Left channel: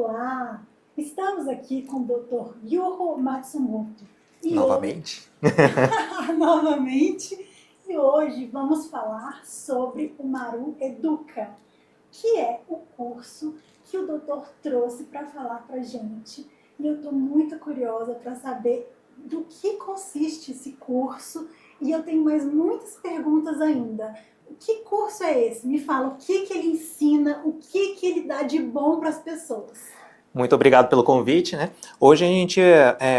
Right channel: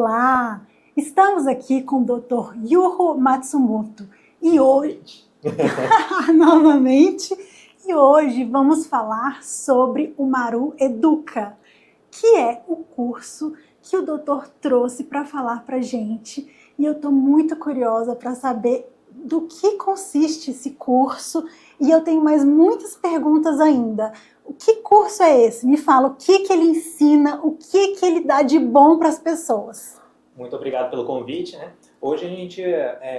Olá! Estamos aqui com o Dr. Yuho Matsumoto. Novamente. Novamente. E hoje vamos falar sobre o Maru Educa, que é o curso que o doutor trouxe para falar para gente. E eu estou muito curiosa para saber do que consiste esse curso. E eu tenho mais muitas perguntas ainda. O que curso é esse? Me fala, o que ele ensina, o que ele dá de bom para as pessoas? Muito obrigado pelo convite, né? Hoje a gente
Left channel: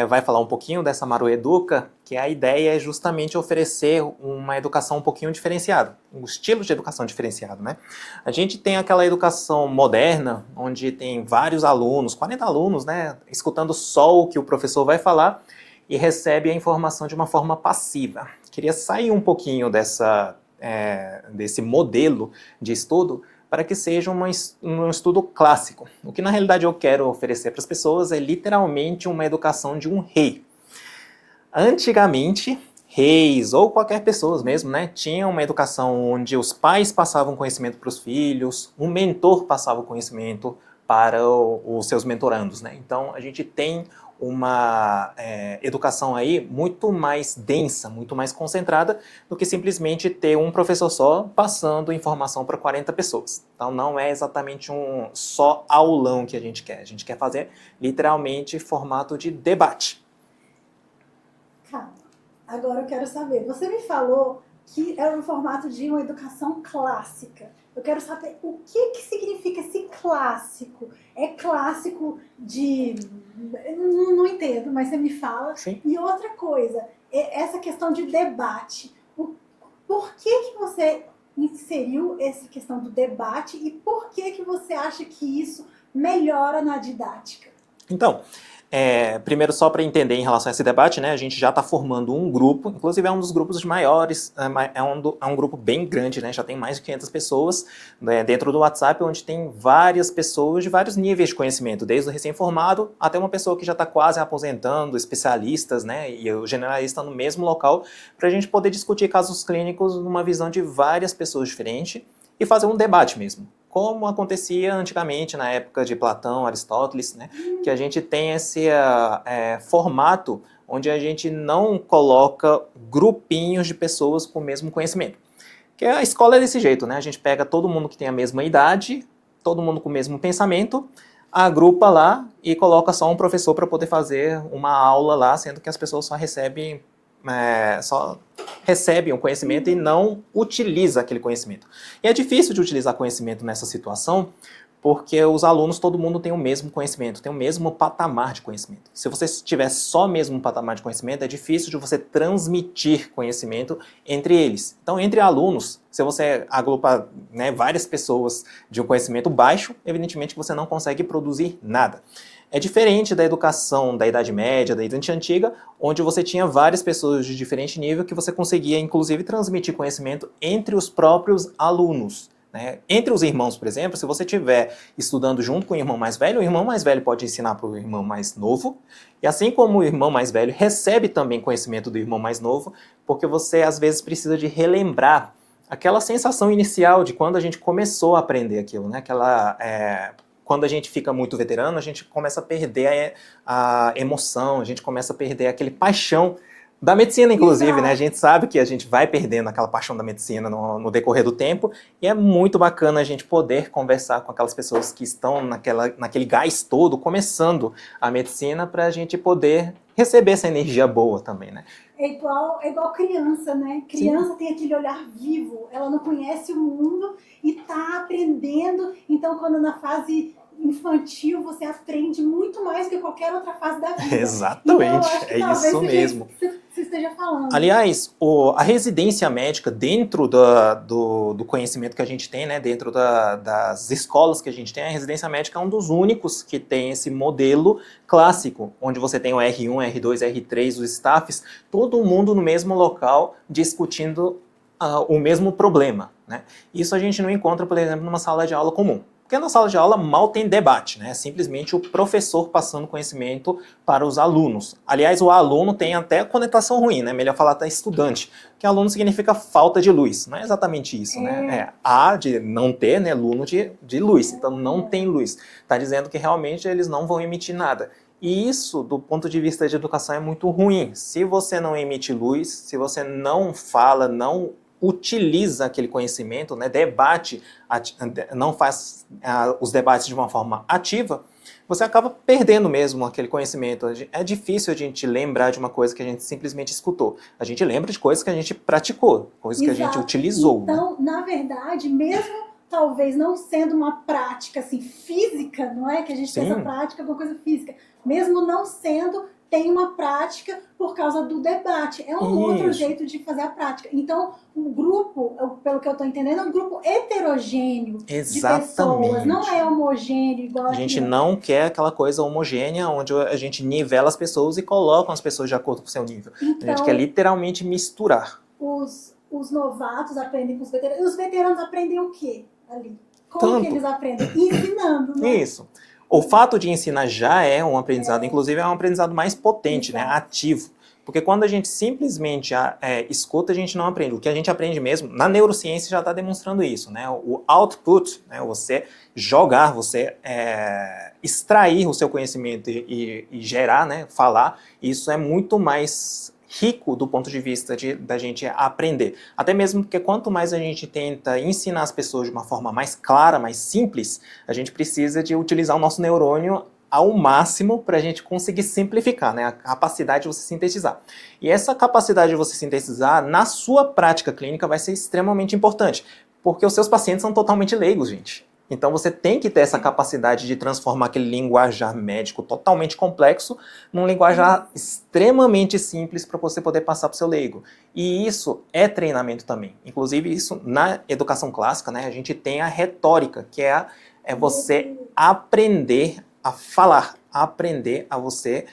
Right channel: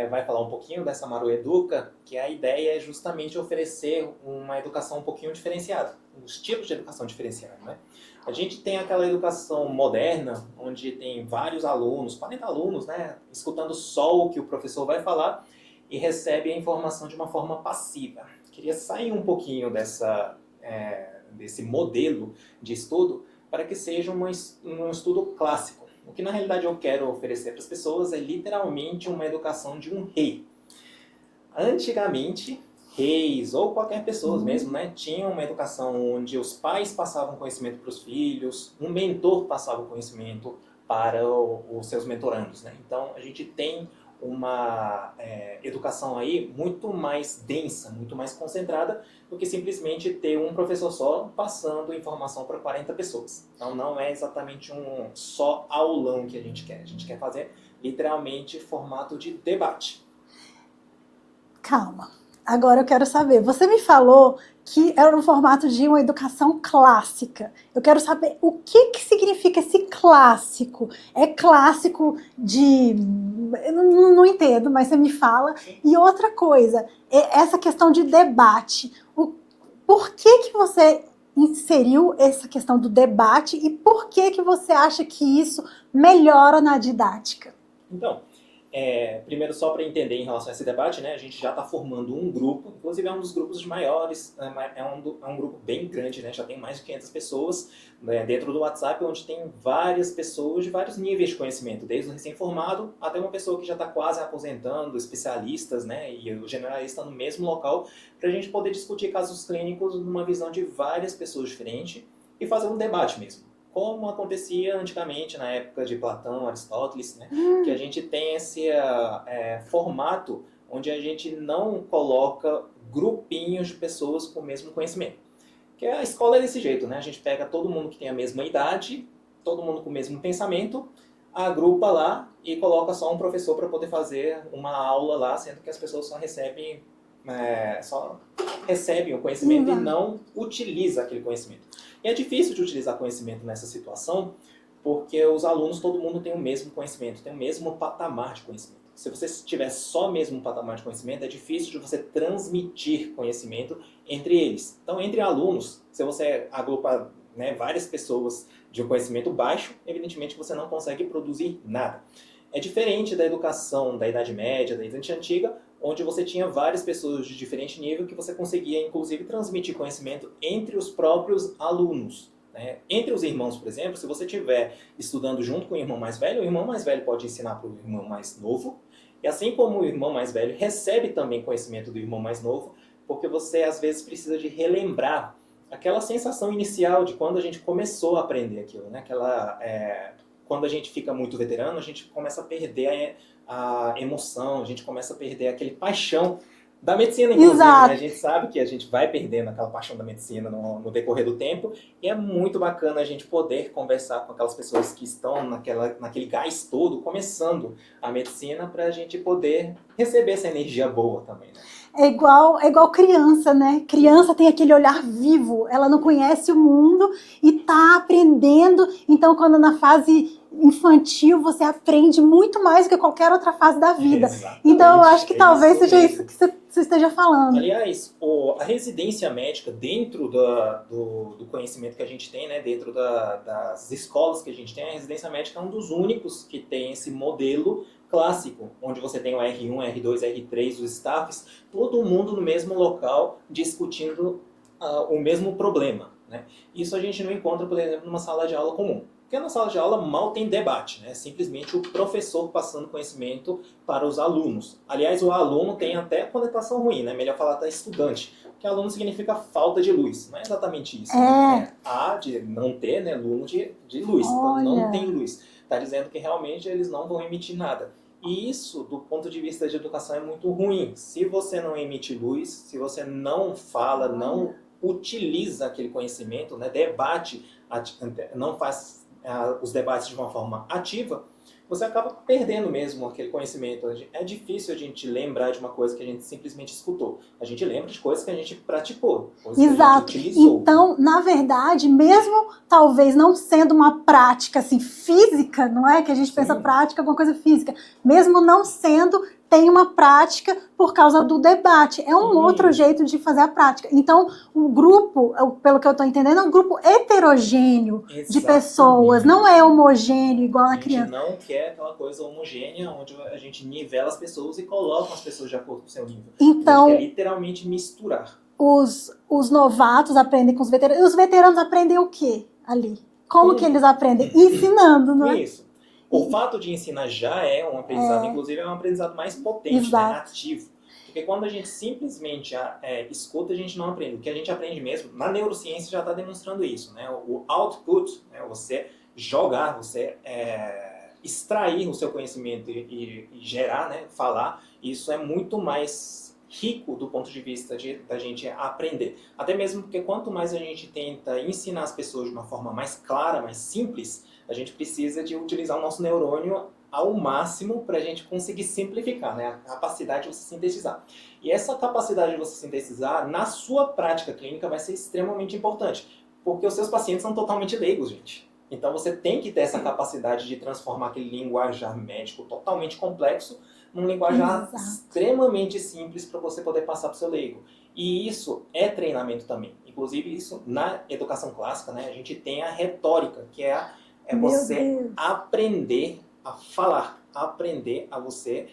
vai falar um pouquinho dessa Maru Educa, que a ideia é justamente oferecer uma educação um pouquinho diferenciada, um estilo de educação diferenciado, né? A gente tem aquela educação moderna, onde tem vários alunos, 40 alunos, né? Escutando só o que o professor vai falar e recebe a informação de uma forma passiva. Queria sair um pouquinho desse modelo de estudo para que seja um estudo clássico. O que na realidade eu quero oferecer para as pessoas é literalmente uma educação de um rei. Antigamente, reis ou qualquer pessoa mesmo, né, tinha uma educação onde os pais passavam conhecimento para os filhos, um mentor passava o conhecimento para os seus mentorandos, né? Então a gente tem uma educação aí muito mais densa, muito mais concentrada do que simplesmente ter um professor só passando informação para 40 pessoas. Então não é exatamente um só aulão que a gente quer fazer literalmente formato de debate. Calma, agora eu quero saber. Você me falou que era no formato de uma educação clássica. Eu quero saber o que significa esse clássico. É clássico de... Eu não entendo, mas você me fala. Sim. E outra coisa, essa questão de debate. Por que você inseriu essa questão do debate e por que você acha que isso melhora na didática? Então, primeiro só para entender em relação a esse debate, né, a gente já está formando um grupo, inclusive é um dos grupos maiores, é um grupo bem grande, né, já tem mais de 500 pessoas, né, dentro do WhatsApp, onde tem várias pessoas de vários níveis de conhecimento, desde o recém-formado até uma pessoa que já está quase aposentando, especialistas, né, e o generalista no mesmo local, para a gente poder discutir casos clínicos numa visão de várias pessoas diferentes e fazer um debate mesmo. Como acontecia antigamente, na época de Platão, Aristóteles, né? Que a gente tem esse formato onde a gente não coloca grupinhos de pessoas com o mesmo conhecimento. Porque a escola é desse jeito, né? A gente pega todo mundo que tem a mesma idade, todo mundo com o mesmo pensamento, agrupa lá e coloca só um professor para poder fazer uma aula lá, sendo que as pessoas só recebem o conhecimento e não utiliza aquele conhecimento. E é difícil de utilizar conhecimento nessa situação, porque os alunos, todo mundo tem o mesmo conhecimento, tem o mesmo patamar de conhecimento. Se você tiver só o mesmo patamar de conhecimento, é difícil de você transmitir conhecimento entre eles. Então, entre alunos, se você agrupa, né, várias pessoas de um conhecimento baixo, evidentemente você não consegue produzir nada. É diferente da educação da Idade Média, da Idade Antiga, onde você tinha várias pessoas de diferente nível que você conseguia, inclusive, transmitir conhecimento entre os próprios alunos. Né? Entre os irmãos, por exemplo, se você estiver estudando junto com o irmão mais velho, o irmão mais velho pode ensinar para o irmão mais novo, e assim como o irmão mais velho recebe também conhecimento do irmão mais novo, porque você às vezes precisa de relembrar aquela sensação inicial de quando a gente começou a aprender aquilo, né? Quando a gente fica muito veterano, a gente começa a perder a emoção, a gente começa a perder aquele paixão da medicina, inclusive, né? A gente sabe que a gente vai perdendo aquela paixão da medicina no decorrer do tempo, e é muito bacana a gente poder conversar com aquelas pessoas que estão naquele gás todo, começando a medicina, para a gente poder receber essa energia boa também, né? É igual criança, né? Criança tem aquele olhar vivo, ela não conhece o mundo e está aprendendo, então quando na fase infantil você aprende muito mais do que qualquer outra fase da vida. Exatamente. Então eu acho que talvez seja isso que você esteja falando. Aliás, a residência médica dentro do conhecimento que a gente tem, né, dentro das escolas que a gente tem, a residência médica é um dos únicos que tem esse modelo clássico, onde você tem o R1, R2, R3, os staffs, todo mundo no mesmo local discutindo o mesmo problema. Né? Isso a gente não encontra, por exemplo, numa sala de aula comum. Porque na sala de aula mal tem debate, né? É simplesmente o professor passando conhecimento para os alunos. Aliás, o aluno tem até conotação ruim, né? Melhor falar até estudante, porque aluno significa falta de luz. Não é exatamente isso, né? A de não ter, né? Aluno de luz. Então não tem luz. Está dizendo que realmente eles não vão emitir nada. E isso, do ponto de vista de educação, é muito ruim. Se você não emite luz, se você não fala, não utiliza aquele conhecimento, né, debate, não faz os debates de uma forma ativa, você acaba perdendo mesmo aquele conhecimento. É difícil a gente lembrar de uma coisa que a gente simplesmente escutou. A gente lembra de coisas que a gente praticou, coisas que a gente utilizou. Então, na verdade, mesmo talvez não sendo uma prática assim, física, não é? Que a gente pensa prática, alguma coisa física. Mesmo não sendo, tem uma prática por causa do debate. É um outro jeito de fazer a prática. Então, o grupo, pelo que eu estou entendendo, é um grupo heterogêneo de pessoas. Não é homogêneo igual a gente não quer aquela coisa homogênea onde a gente nivela as pessoas e coloca as pessoas de acordo com o seu nível. Então, a gente quer literalmente misturar. Os novatos aprendem com os veteranos. E os veteranos aprendem o quê ali? Como que eles aprendem? Ensinando, não é? Isso. O fato de ensinar já é um aprendizado, inclusive é um aprendizado mais potente, né? Ativo. Porque quando a gente simplesmente escuta, a gente não aprende. O que a gente aprende mesmo, na neurociência já está demonstrando isso, né? O output, né? Você jogar, você extrair o seu conhecimento e gerar, né? Falar, isso é muito mais rico do ponto de vista da gente aprender. Até mesmo porque quanto mais a gente tenta ensinar as pessoas de uma forma mais clara, mais simples, a gente precisa de utilizar o nosso neurônio ao máximo para a gente conseguir simplificar, né? A capacidade de você sintetizar. E essa capacidade de você sintetizar, na sua prática clínica, vai ser extremamente importante, porque os seus pacientes são totalmente leigos, gente. Então você tem que ter essa capacidade de transformar aquele linguajar médico totalmente complexo num linguajar extremamente simples para você poder passar para o seu leigo. E isso é treinamento também. Inclusive isso na educação clássica, né, a gente tem a retórica, que é você aprender a falar, aprender a você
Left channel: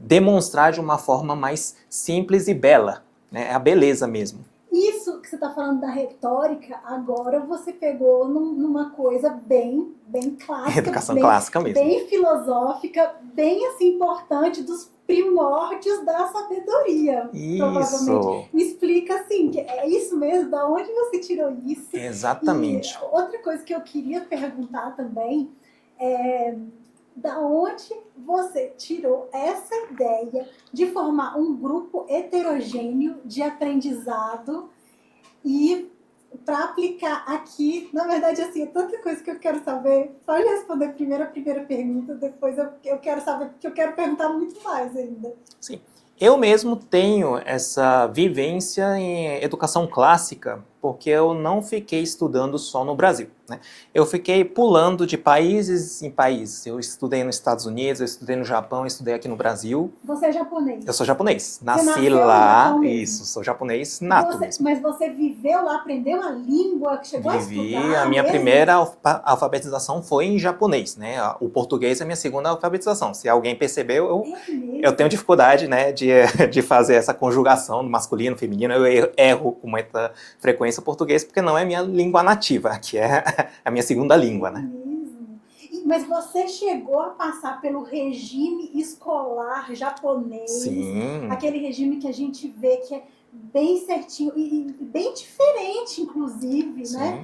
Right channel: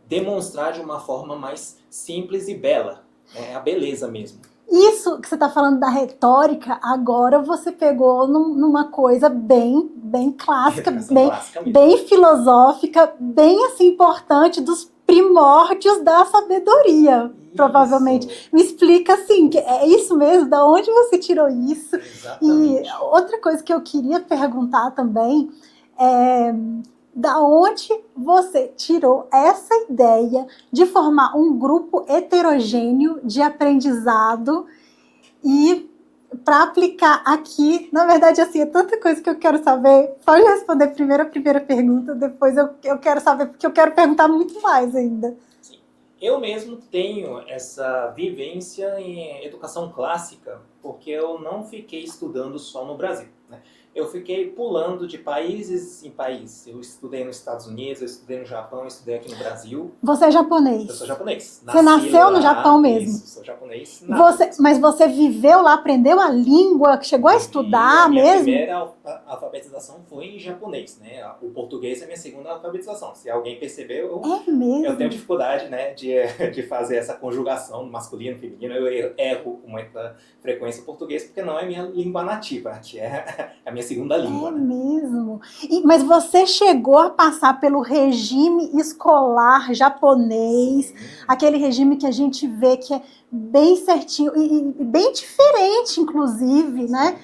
demonstrar de uma forma mais simples e bela, né, a beleza mesmo. Isso que você está falando da retórica, agora você pegou numa coisa bem clássica, clássica mesmo. Bem filosófica, bem assim importante, dos primórdios da sabedoria, provavelmente. Me explica assim, é isso mesmo? Da onde você tirou isso? Exatamente. E outra coisa que eu queria perguntar também é: da onde você tirou essa ideia de formar um grupo heterogêneo de aprendizado e para aplicar aqui? Na verdade, assim, é tanta coisa que eu quero saber. Pode responder primeiro a primeira pergunta, depois eu quero saber, porque eu quero perguntar muito mais ainda. Sim. Eu mesmo tenho essa vivência em educação clássica, porque eu não fiquei estudando só no Brasil, né? Eu fiquei pulando de países em países. Eu estudei nos Estados Unidos, eu estudei no Japão, eu estudei aqui no Brasil. Você é japonês? Eu sou japonês. Você nasceu lá, no Japão mesmo? Isso, sou japonês nato mesmo. Mas você viveu lá, aprendeu a língua, chegou a estudar A minha mesmo? primeira alfabetização foi em japonês, né? O português é a minha segunda alfabetização. Se alguém percebeu, eu tenho dificuldade, né, de fazer essa conjugação no masculino, feminino. Eu erro com muita frequência o português, porque não é minha língua nativa, que é a minha segunda língua, né? Mesmo? Mas você chegou a passar pelo regime escolar japonês, Sim. Aquele regime que a gente vê que é bem certinho e bem diferente, inclusive, sim, né?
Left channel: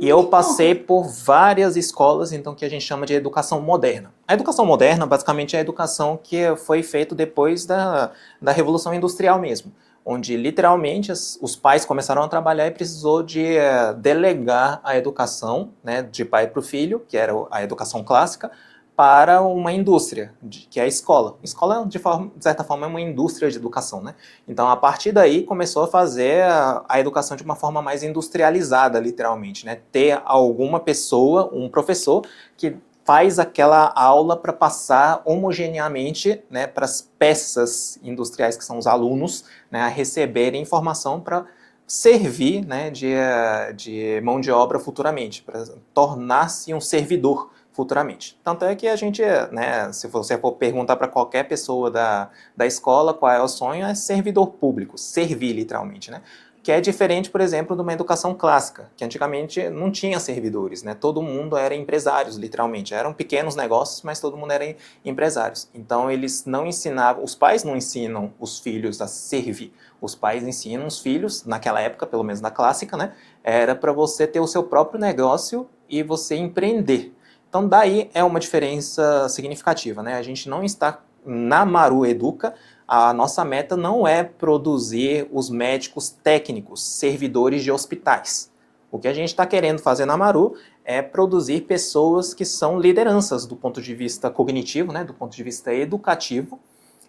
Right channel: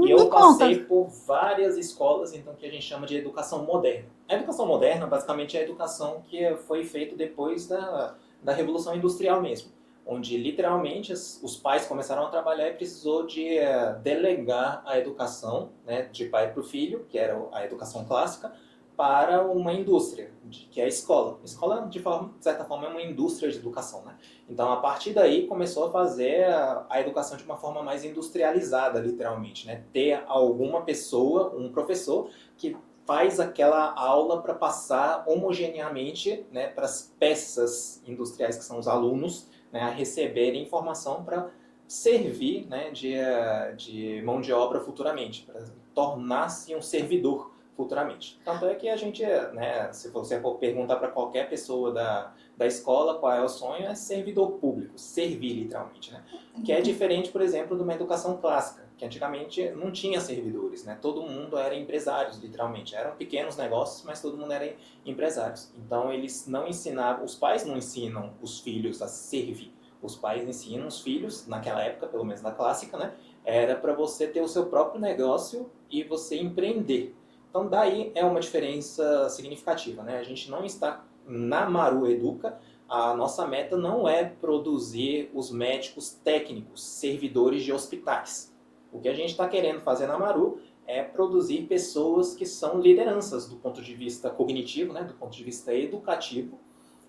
E eu passei por várias escolas, então, que a gente chama de educação moderna. A educação moderna, basicamente, é a educação que foi feita depois da Revolução Industrial mesmo, onde, literalmente, os pais começaram a trabalhar e precisou de delegar a educação, né, de pai para o filho, que era a educação clássica, para uma indústria, que é a escola. A escola, de certa forma, é uma indústria de educação, né? Então, a partir daí, começou a fazer a educação de uma forma mais industrializada, literalmente, né? Ter alguma pessoa, um professor, que faz aquela aula para passar homogeneamente, né, para as peças industriais, que são os alunos, né, a receberem informação para servir, né, de mão de obra futuramente, para tornar-se um servidor futuramente. Tanto é que a gente, né, se você for perguntar para qualquer pessoa da escola qual é o sonho, é servidor público, servir literalmente, né? Que é diferente, por exemplo, de uma educação clássica, que antigamente não tinha servidores, né? Todo mundo era empresários, literalmente. Eram pequenos negócios, mas todo mundo era empresários. Então eles não ensinavam, os pais não ensinam os filhos a servir. Os pais ensinam os filhos, naquela época, pelo menos na clássica, né? Era para você ter o seu próprio negócio e você empreender. Então, daí é uma diferença significativa, né? A gente não está na Maru Educa, a nossa meta não é produzir os médicos técnicos, servidores de hospitais. O que a gente está querendo fazer na Maru é produzir pessoas que são lideranças do ponto de vista cognitivo, né? Do ponto de vista educativo,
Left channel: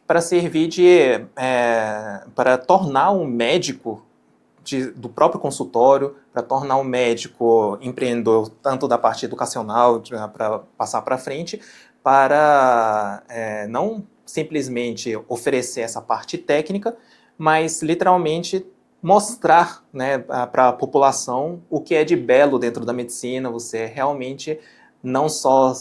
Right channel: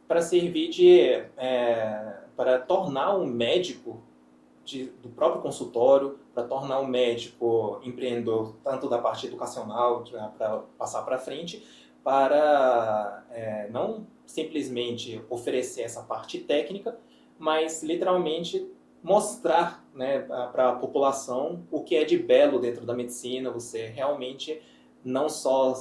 para servir para tornar um médico do próprio consultório, para tornar o médico empreendedor, tanto da parte educacional, para passar para frente, para não simplesmente oferecer essa parte técnica, mas literalmente mostrar, né, para a população o que é de belo dentro da medicina, você realmente não só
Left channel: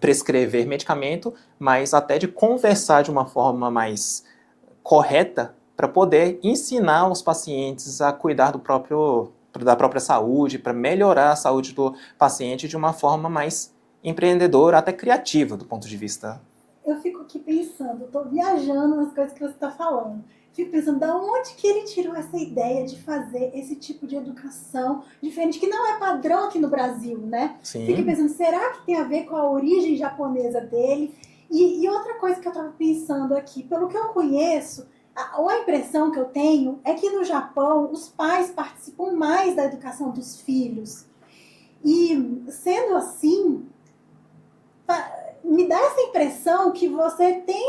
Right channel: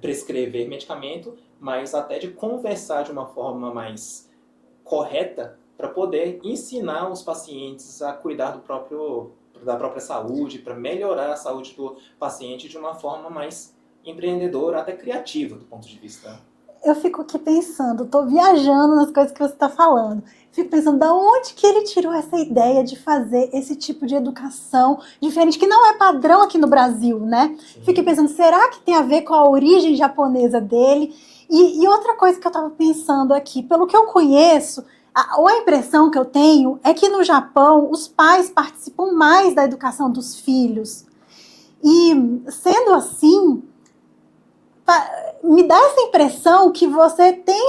prescrever medicamento, mas até de conversar de uma forma mais correta para poder ensinar os pacientes a cuidar da própria saúde, para melhorar a saúde do paciente de uma forma mais empreendedora, até criativa do ponto de vista. Eu fico aqui pensando, estou viajando nas coisas que você está falando. Fico pensando, da onde que ele tirou essa ideia de fazer esse tipo de educação diferente, que não é padrão aqui no Brasil, né? Sim. Fico pensando, será que tem a ver com a origem japonesa dele? E outra coisa que eu estava pensando aqui, pelo que eu conheço, ou a impressão que eu tenho é que no Japão os pais participam mais da educação dos filhos. E sendo assim, me dá essa impressão que você tem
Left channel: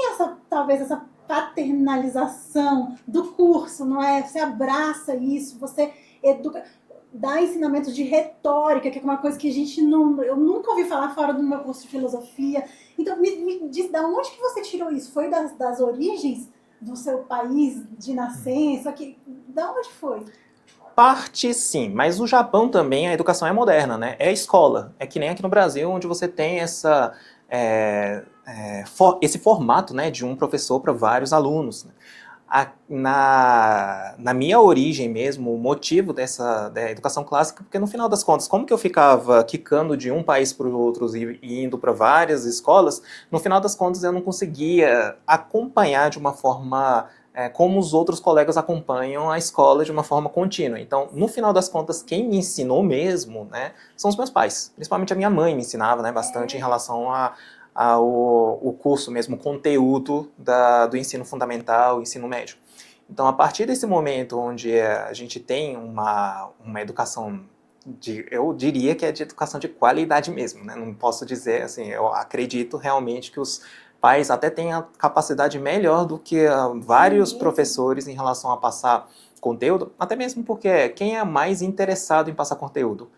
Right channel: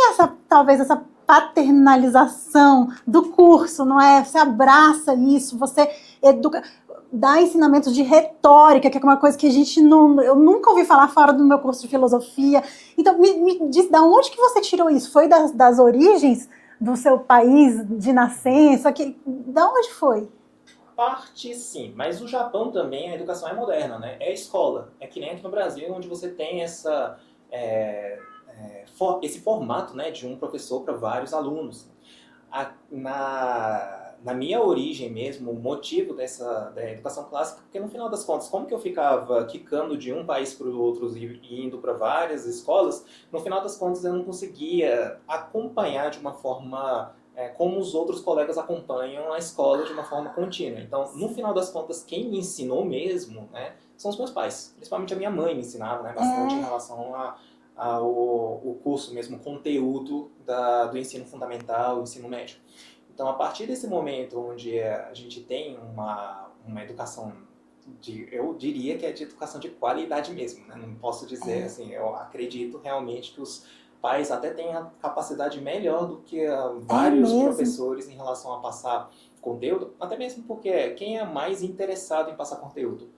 talvez essa paternalização do curso, não é? Você abraça isso, você educa, dá ensinamentos de retórica, que é uma coisa que eu nunca ouvi falar fora do meu curso de filosofia. Então, me diz, da onde que você tirou isso? Foi das origens do seu país de nascença? Da onde foi? Parte sim, mas no Japão também a educação é moderna, né? É escola. É que nem aqui no Brasil, onde você tem esse formato, né, de um professor para vários alunos, né? Na minha origem mesmo, o motivo da educação clássica, porque no final das contas, como que eu ficava quicando de um país para o outro e indo para várias escolas, no final das contas eu não conseguia acompanhar de uma forma como os outros colegas acompanham a escola de uma forma contínua. Então, no final das contas, quem me ensinou mesmo, né, são os meus pais. Principalmente a minha mãe me ensinava, né, bastante em relação ao curso mesmo, o conteúdo do ensino fundamental, ensino médio. Então, a partir desse momento onde a gente tem uma educação, eu diria que é de educação de qualidade mesmo, né? Não posso dizer assim, eu acredito realmente que os pais até têm a capacidade melhor do que vários professores em relação a passar conteúdo, até mesmo porque quem é mais interessado em passar conteúdo?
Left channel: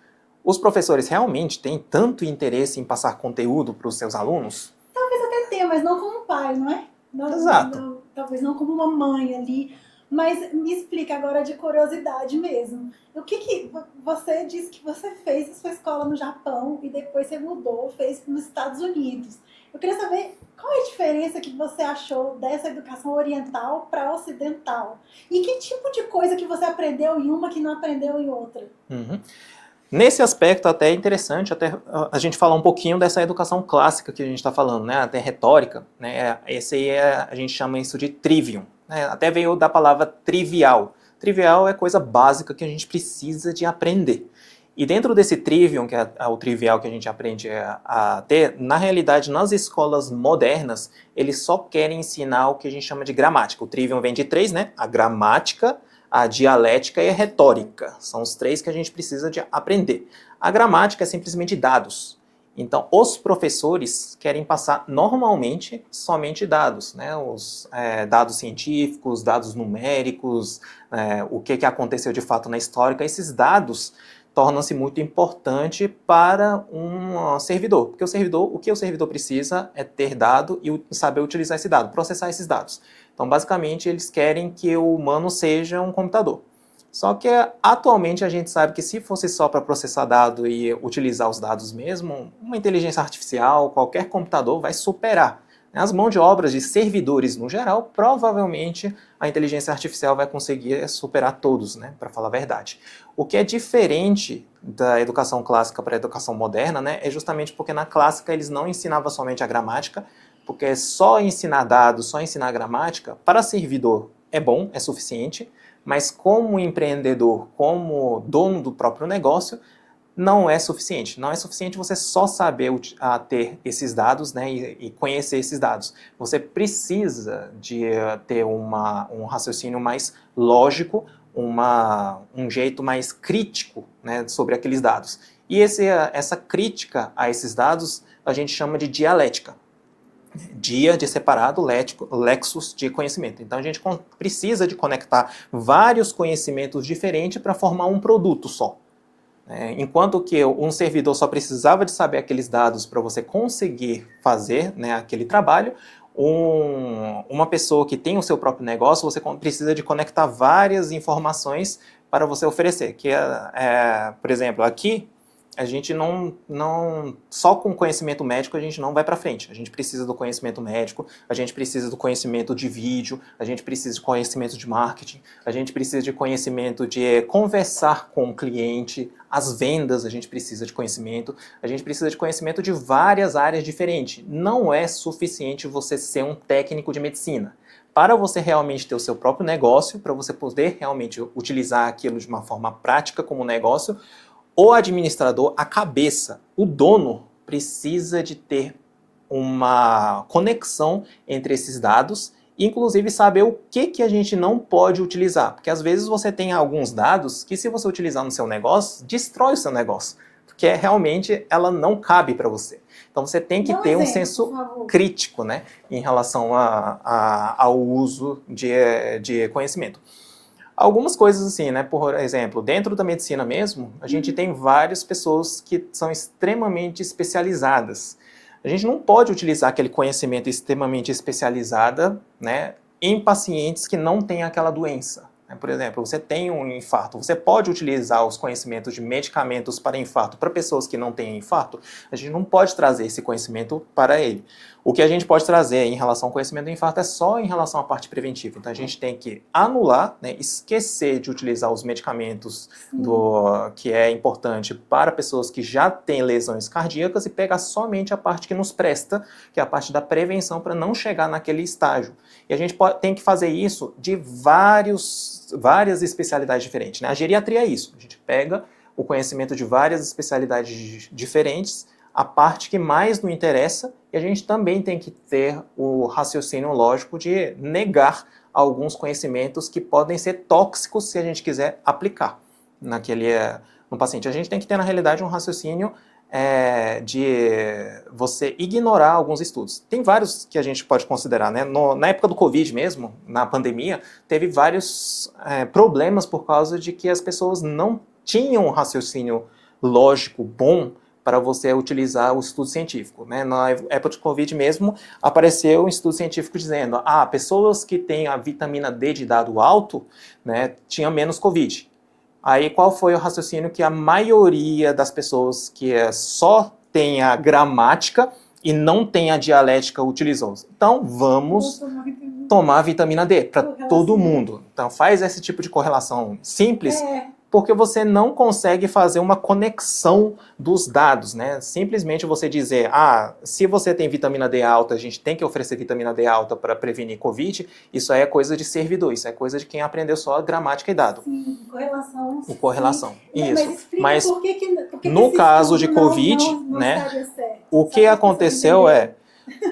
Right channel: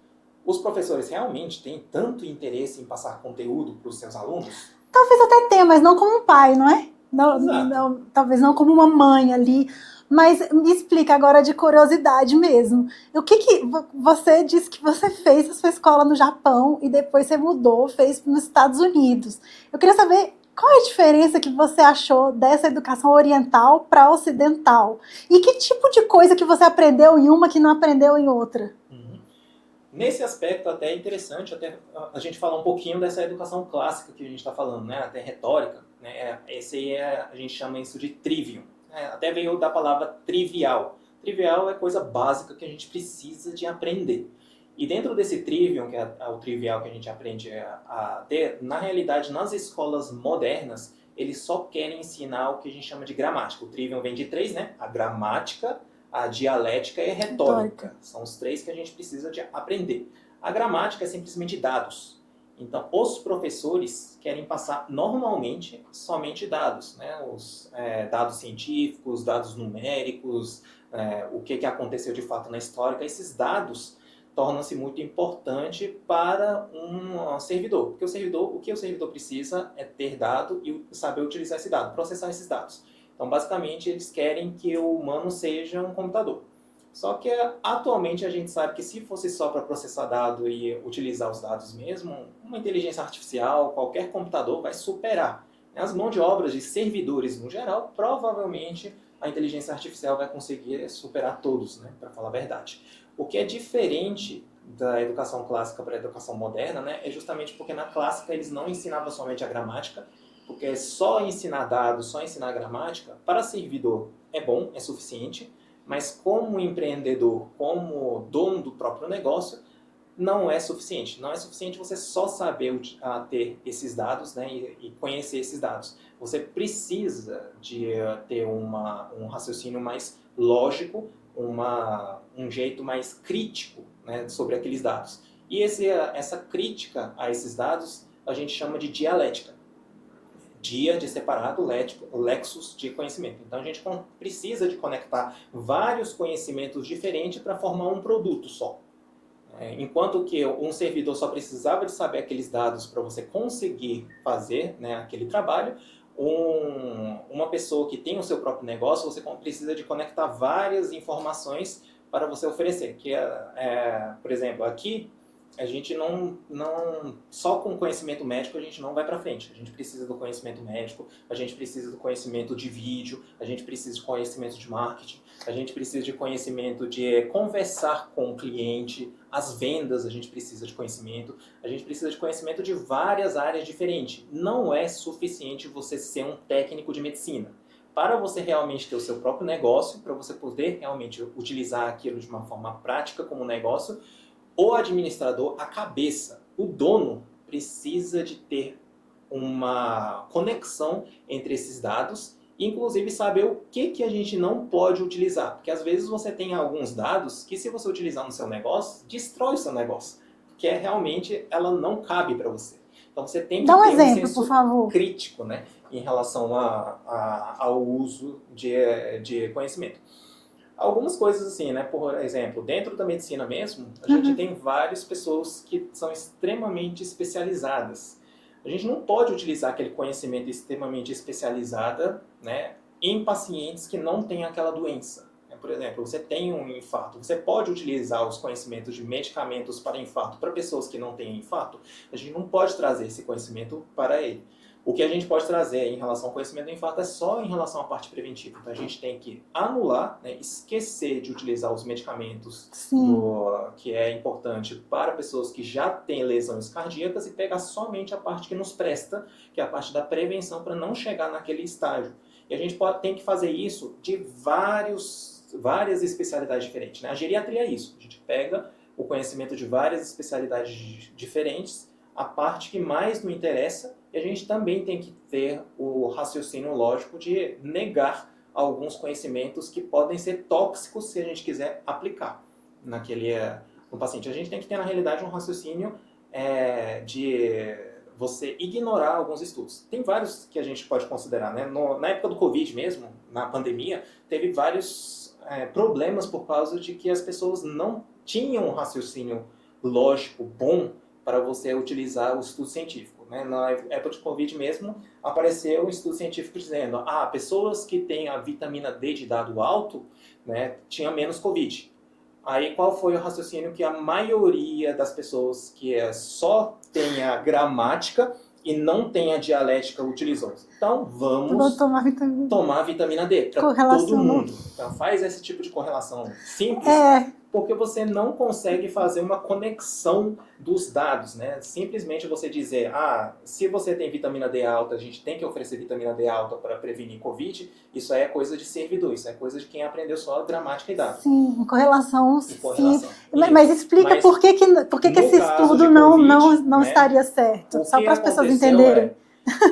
Os professores realmente têm tanto interesse em passar conteúdo para os seus alunos? Talvez até tenha, mas não como um pai, não é? Exato. Talvez não como uma mãe ali. Mas me explica agora de curiosidade mesmo. O que você disse que você fez a sua escola no Japão e depois você mudou, fez nos Estados Unidos. Eu queria saber qual é a diferença que você achou dessa educação oriental para ocidental. E que tipo de coisa que você aprendeu em uma que não aprendeu em outra? Uhum. Nesse aspecto até é interessante até a gente falar um pouquinho dessa educação clássica que a gente está falando, né? Até retórica, né? Esse aí a gente chama isso de trivium, né? Até veio da palavra trivial. Trivial é coisa básica que a gente precisa de aprender. E dentro desse trivium, que é o trivial que a gente aprende a ter, na realidade, nas escolas modernas, eles só querem ensinar o que a gente chama de gramática. O trivium vem de três, né? A gramática, a dialética e a retórica. São os três que a gente precisa de aprender. A gramática é simplesmente dados. Então, os professores querem passar normalmente somente dados, né? Os dados científicos, dados numéricos, o que aconteceu de fato na história. Esses dados tornam-se muito importante para um servidor, porque o que o servidor precisa é ter dado e saber utilizar esse dado, processar esses dados. Então, basicamente, eles querem que o humano seja um computador. Só que atualmente a gente sabe que se fosse só para processar dado e utilizar os dados mesmo, uma inteligência artificial, qualquer computador vai superar. As mãos de obras de servidores no geral, provavelmente a inteligência artificial vai conseguir superar todos, né, para falar a verdade. O que é diferente da educação clássica para a educação moderna, né, é justamente porque na clássica eles não ensinavam somente a gramática, porque só ensinar dados, só ensinar gramática, para servidor é bom, é suficiente, mas como empreendedor, como dono do próprio negócio, não é suficiente. Não é suficiente você só saber ter esses dados, né, e conhecer esses dados. Você precisa de ter um raciocínio mais lógico, um jeito mais crítico, né, sobre aqueles dados. E essa crítica a esses dados a gente chama de dialética. Dia de separado, lexos de conhecimento. Então a gente precisa de conectar vários conhecimentos diferentes para formar um produto só. Enquanto que um servidor só precisava de saber aqueles dados para você conseguir fazer, né, aquele trabalho, uma pessoa que tem o seu próprio negócio, você precisa de conectar várias informações para você oferecer. Por exemplo, aqui a gente só com conhecimento médico a gente não vai para frente. A gente precisa do conhecimento médico, a gente precisa do conhecimento de vídeo, a gente precisa de conhecimento de marketing, a gente precisa de conhecimento de conversar com o cliente, as vendas a gente precisa de conhecimento, a gente precisa de conhecimento de várias áreas diferentes. Não é suficiente você ser um técnico de medicina. Para você realmente ter o seu próprio negócio, para você poder realmente utilizar aquilo de uma forma prática como negócio, o administrador, a cabeça, o dono, precisa de ter uma conexão entre esses dados e, inclusive, saber o que a gente não pode utilizar. Porque, às vezes, você tem alguns dados que, se você utilizar no seu negócio, destrói o seu negócio. Porque, realmente, ela não cabe para você. Então, você tem que ter um senso crítico, né, em relação ao uso de conhecimento. Algumas coisas assim, né? Por exemplo, dentro da medicina mesmo, a gente tem várias pessoas que são extremamente especializadas. A gente não pode utilizar aquele conhecimento extremamente especializado, né, em pacientes que não têm aquela doença. Por exemplo, você tem um infarto, você pode utilizar os conhecimentos de medicamentos para infarto para pessoas que não têm infarto? A gente não pode trazer esse conhecimento para ele. O que a gente pode trazer em relação ao conhecimento do infarto é só em relação à parte preventiva. Então a gente tem que anular, né, esquecer de utilizar os medicamentos que é importante para pessoas que já têm lesões cardíacas e pegar somente a parte que nos presta, que é a parte da prevenção para não chegar naquele estágio. E a gente tem que fazer isso de várias especialidades diferentes, né? A geriatria é isso. A gente pega o conhecimento de várias especialidades diferentes, a parte que mais nos interessa, e a gente também tem que ter o raciocínio lógico de negar alguns conhecimentos que podem ser tóxicos se a gente quiser aplicar no paciente. A gente tem que ter, na realidade, um raciocínio de você ignorar alguns estudos. Tem vários que a gente pode considerar, né? Na época do Covid mesmo, na pandemia, teve vários problemas por causa de que as pessoas não tinham um raciocínio lógico bom para você utilizar o estudo científico, né? Na época de Covid mesmo, apareceu um estudo científico dizendo pessoas que têm a vitamina D de dado alto, né, tinham menos Covid. Aí qual foi o raciocínio que a maioria das pessoas que só tem a gramática e não tem a dialética utilizou? Então vamos tomar vitamina D para todo mundo. Então faz esse tipo de correlação simples, porque você não consegue fazer uma conexão dos dados, né? Simplesmente você dizer, se você tem vitamina D alta, a gente tem que oferecer vitamina D alta para prevenir Covid, isso aí é coisa de servidor, isso é coisa de quem aprendeu só gramática e dado. Sim, correlação. Correlação. Mas explica por que esse caso estudo de COVID, não estaria certo. O que aconteceu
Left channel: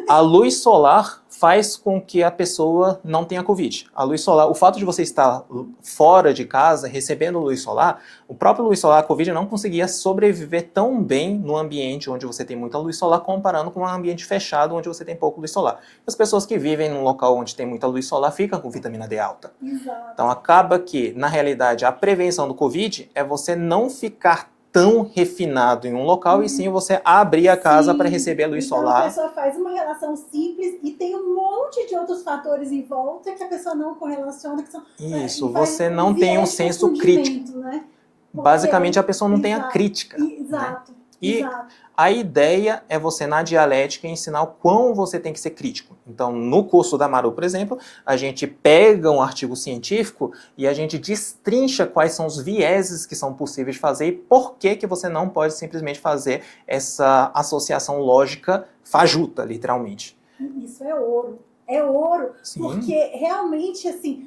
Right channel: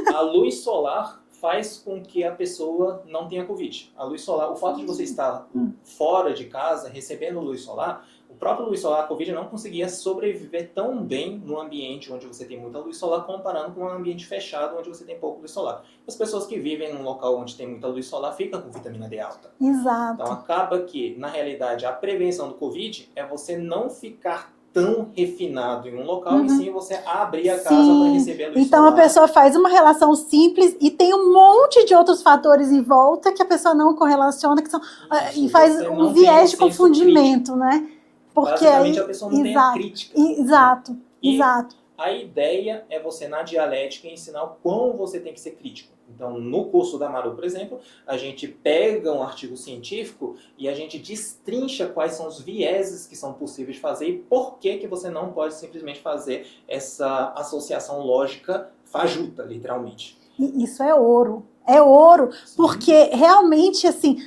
a luz solar faz com que a pessoa não tenha Covid. A luz solar, o fato de você estar fora de casa, recebendo luz solar, o próprio luz solar, a Covid não conseguia sobreviver tão bem no ambiente onde você tem muita luz solar, comparando com um ambiente fechado onde você tem pouco luz solar. As pessoas que vivem num local onde tem muita luz solar ficam com vitamina D alta. Exato. Então acaba que, na realidade, a prevenção do Covid é você não ficar tão refinado em um local, e sim você abrir a casa para receber a luz então, solar. a pessoa faz uma relação simples e tem um monte de outros fatores em volta que a pessoa não correlaciona, que são, Isso, e faz você um não tem um viés de senso crítico. confundimento, né? Porque Basicamente, aí, a pessoa não tem a crítica. Exato, Né? E exato. a ideia é você, na dialética, ensinar o quão você tem que ser crítico. Então, no curso da Maru, por exemplo, a gente pega um artigo científico e a gente destrincha quais são os vieses que são possíveis de fazer e por que que você não pode simplesmente fazer essa associação lógica fajuta, literalmente. Isso é ouro. É ouro, Sim. Porque realmente, assim,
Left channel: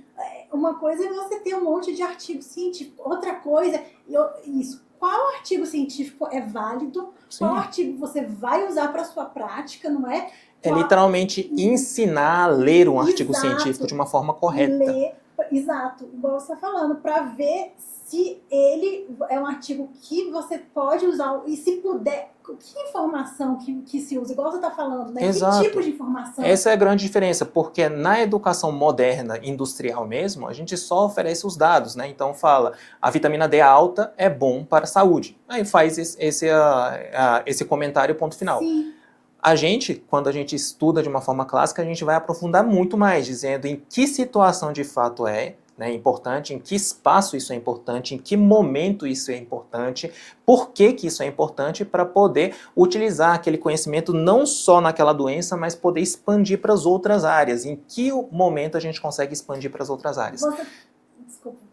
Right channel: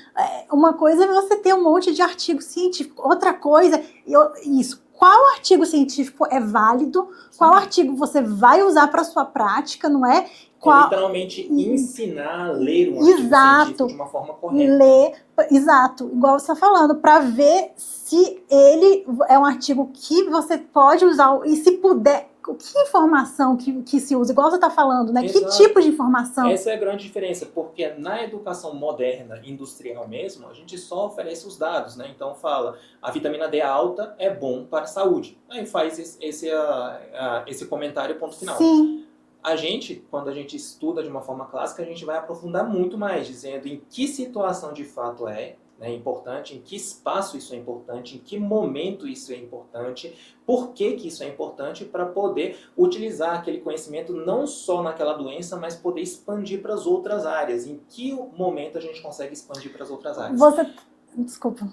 uma coisa é você ter um monte de artigo científico, outra coisa, isso, qual artigo científico é válido, Sim. qual artigo você vai usar para sua prática, não é? É literalmente ensinar a ler um artigo científico de uma forma correta. Exato, igual você está falando, para ver se ele é um artigo que você pode usar e se puder. Que informação que se usa? Igual você está falando, né? Exato. Que tipo de informação? Essa é a grande diferença, porque na educação moderna, industrial mesmo, a gente só oferece os dados, né? Então fala, a vitamina D alta é bom para a saúde. Aí faz esse comentário, ponto final. Sim. A gente, quando a gente estuda de uma forma clássica, a gente vai aprofundar muito mais, dizendo em que situação de fato é, né, importante, em que espaço isso é importante, em que momento isso é importante, por que que isso é importante, para poder utilizar aquele conhecimento não só naquela doença, mas poder expandir para as outras áreas. Em que momento a gente consegue expandir para as outras áreas? Desculpa.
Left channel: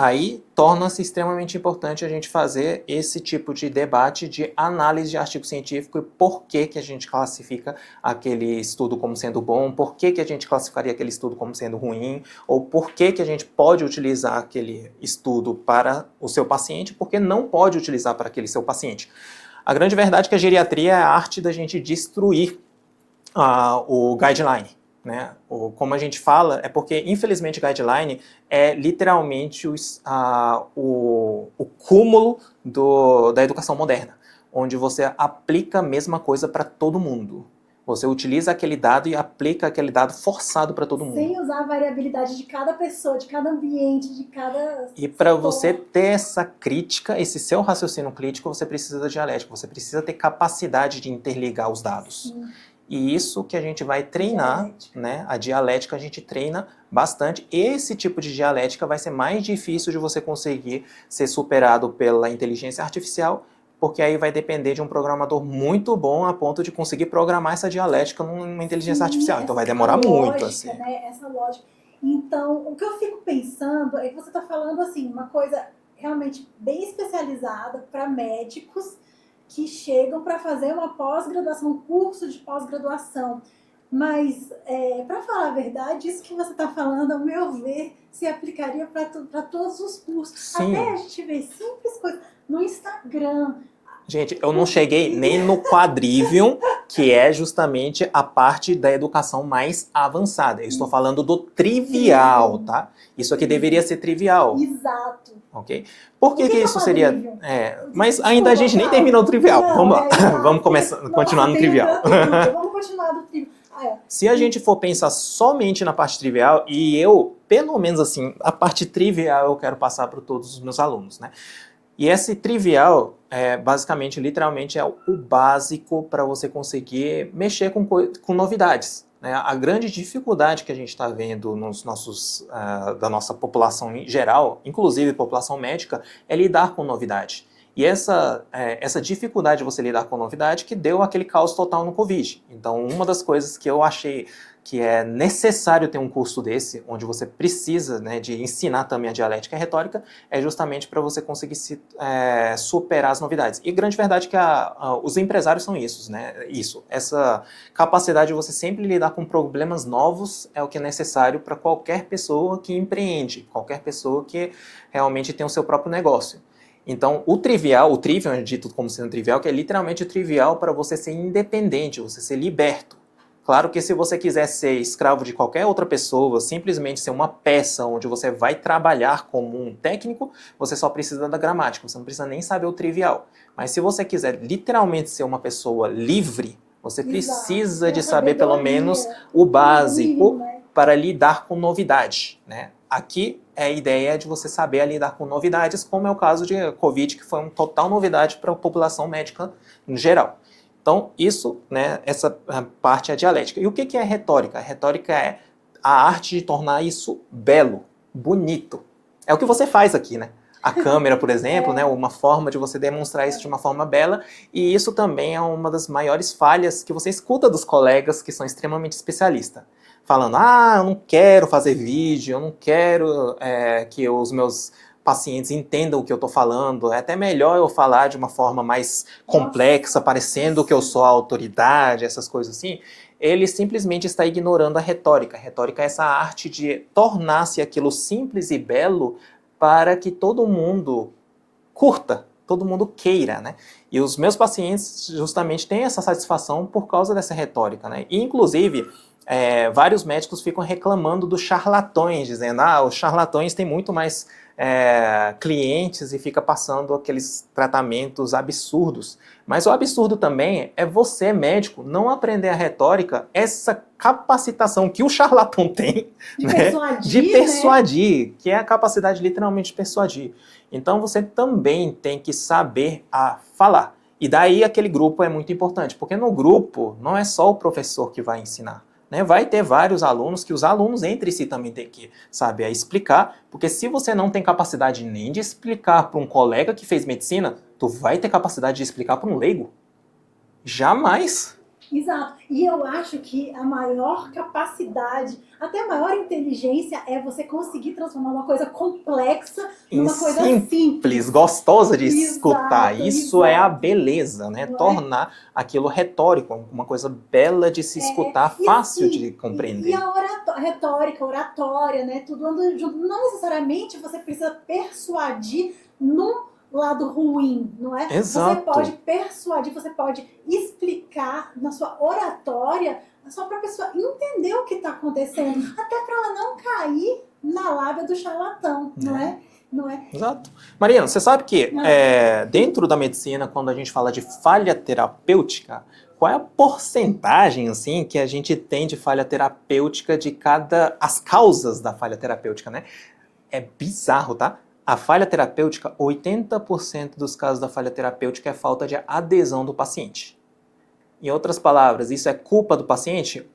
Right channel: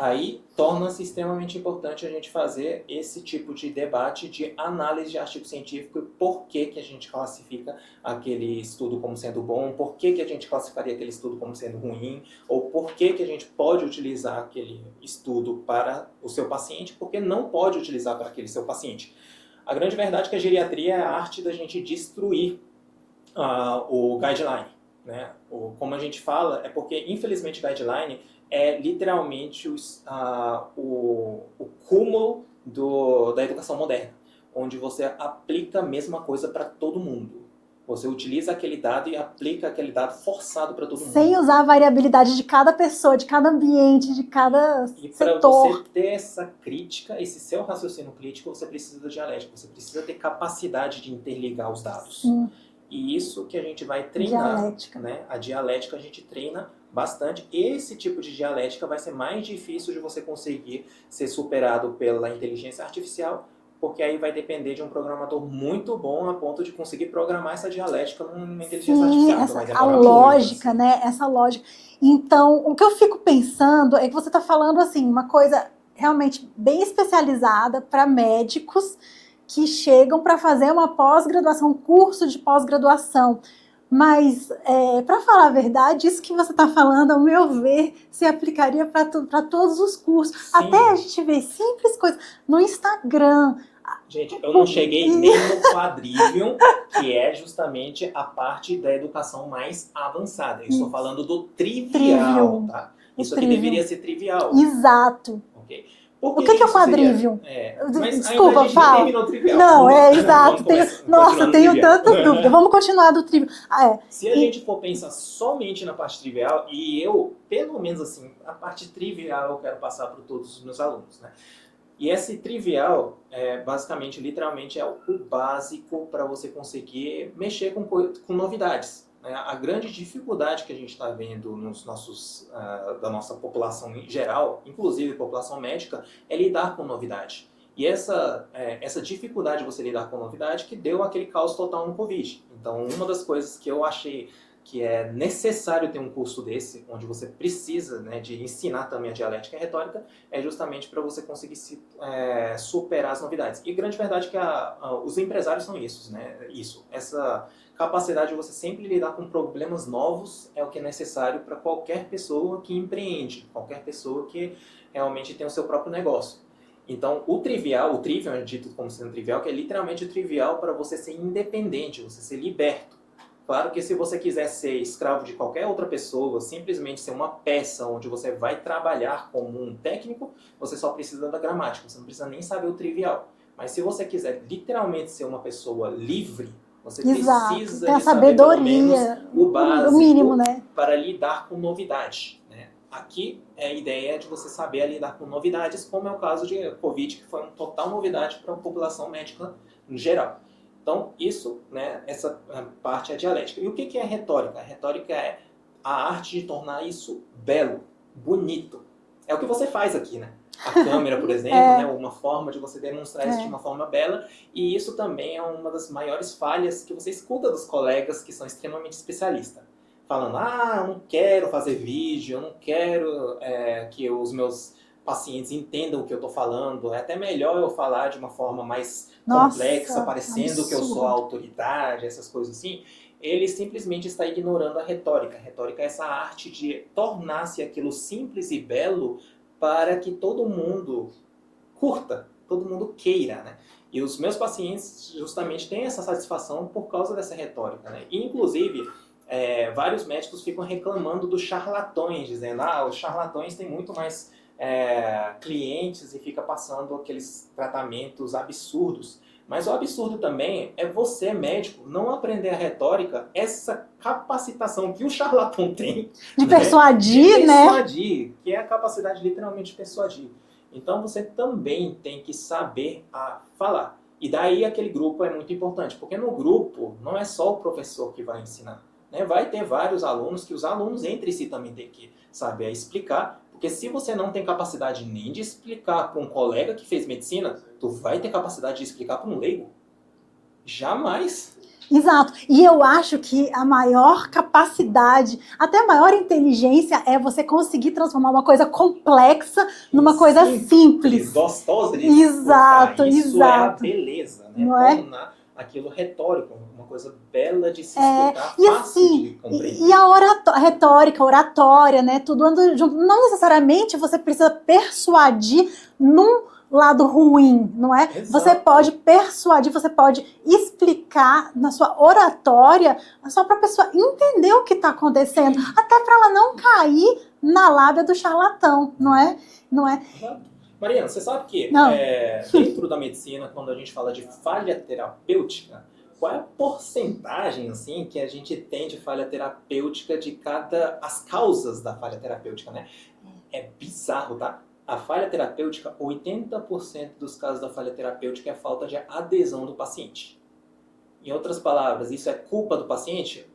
Aí torna-se extremamente importante a gente fazer esse tipo de debate de análise de artigo científico e por que que a gente classifica aquele estudo como sendo bom, por que que a gente classificaria aquele estudo como sendo ruim, ou por que que a gente pode utilizar aquele estudo para o seu paciente, porque não pode utilizar para aquele seu paciente. A grande verdade é que a geriatria é a arte da gente destruir o guideline. Né? Como a gente fala, é porque, infelizmente, guideline é literalmente o cúmulo da educação moderna, onde você aplica a mesma coisa para todo mundo. Você utiliza aquele dado e aplica aquele dado forçado para todo mundo. Sem usar a variabilidade de cada pessoa, de cada ambiente, de cada E para você ter essa crítica, esse seu raciocínio crítico, você precisa da dialética, você precisa ter capacidade de interligar os dados. Sim. E isso que a gente vai treinar, né? A dialética a gente treina bastante. Esse tipo de dialética vai ser mais difícil de você conseguir ser superado pela inteligência artificial, porque aí vai depender de um programador muito bom a ponto de conseguir programar essa dialética numa inteligência artificial. Então vai demorar muito. Lógica, assim. Né? Essa lógica. Então, o que eu fico pensando é que você está falando assim, uma coisa realmente bem especializada para médicos que chegam para fazer uma pós-graduação, um curso de pós-graduação. Mas, para falar a verdade, isso que você está falando, ao meu ver, se aplicaria para todos os cursos. Sim. Até a gente vê simples coisas no Instagram. Gente, eu não cheguei nem no quadrivium, que é justamente a parte da educação mais avançada. Eu estou falando do trivial, tá? Isso aqui deveria ser trivial. Exato. Ok? Por que o que isso é seria? Mas Desculpa, ainda a gente nem terminou o trivial. Não, Vamos continuar no trivial. Vamos continuar do trivial. Se a gente for pensar somente na parte trivial, e eu, pelo menos assim, a parte trivial eu quero passar para todos os meus alunos, né? E esse trivial, basicamente, literalmente, é o básico para você conseguir mexer com novidades. Né? A grande dificuldade que a gente está vendo da nossa população em geral, inclusive população médica, é lidar com novidade. E essa dificuldade de você lidar com novidade que deu aquele caos total no Covid. Então, uma das coisas que eu achei que é necessário ter um curso desse, onde você precisa, né, de ensinar também a dialética e a retórica, é justamente para você conseguir superar as novidades. E grande verdade é que os empresários são essa capacidade de você sempre lidar com problemas novos é o que é necessário para qualquer pessoa que empreende, qualquer pessoa que realmente tem o seu próprio negócio. Então, o trivial é dito como sendo trivial, que é literalmente o trivial para você ser independente, você ser liberto. Claro que se você quiser ser escravo de qualquer outra pessoa, simplesmente ser uma peça onde você vai trabalhar como um técnico, você só precisa da gramática, você não precisa nem saber o trivial. Mas se você quiser literalmente ser uma pessoa livre, você precisa de saber pelo menos o básico, mínimo, né? para lidar com novidade, né? aqui a ideia é de você saber lidar com novidades, como é o caso de Covid, que foi uma total novidade para a população médica em geral. Então, isso, né, essa parte é dialética. E o que é retórica? A retórica é a arte de tornar isso belo, bonito. É o que você faz aqui, né? A câmera, por exemplo, né, uma forma de você demonstrar isso de uma forma bela, e isso também é uma das maiores falhas que você escuta dos colegas que são extremamente especialistas. Falando, eu não quero fazer vídeo, eu não quero que os meus pacientes entendam o que eu estou falando, é até melhor eu falar de uma forma mais complexa, parecendo que eu sou a autoridade, essas coisas assim. Ele simplesmente está ignorando a retórica. A retórica é essa arte de tornar-se aquilo simples e belo para que todo mundo curta, todo mundo queira, né? E os meus pacientes justamente têm essa satisfação por causa dessa retórica, né? E, inclusive, vários médicos ficam reclamando dos charlatões, dizendo, os charlatões têm muito mais clientes e fica passando aqueles tratamentos absurdos. Mas o absurdo também é você, médico, não aprender a retórica, essa capacitação que o charlatão tem de persuadir, né? Que é a capacidade literalmente de persuadir. Então você também tem que saber falar. E daí aquele grupo é muito importante, porque no grupo não é só o professor que vai ensinar. Né? Vai ter vários alunos, que os alunos entre si também têm que saber explicar, porque se você não tem capacidade nem de explicar para um colega que fez medicina, tu vai ter capacidade de explicar para um leigo? Jamais! Exato. E eu acho que a maior capacidade, até a maior inteligência é você conseguir transformar uma coisa complexa numa coisa simples. Gostosa de escutar. Isso é a beleza, né? Tornar aquilo retórico, uma coisa bela de se escutar, fácil assim, de compreender. E a retórica, a oratória, né? Tudo anda junto. Não necessariamente você precisa persuadir num lado ruim, não é? Exato. Você pode persuadir, você pode explicar na sua oratória só para a pessoa entender o que está acontecendo, até para ela não cair na lábia do charlatão, não é? Não é? Exato. Mariana, você sabe que dentro da medicina, quando a gente fala de falha terapêutica, qual é a porcentagem assim que a gente tem de falha terapêutica de as causas da falha terapêutica, né? É bizarro, tá? A falha terapêutica, 80% dos casos da falha terapêutica é falta de adesão do paciente. Em outras palavras, isso é culpa do paciente?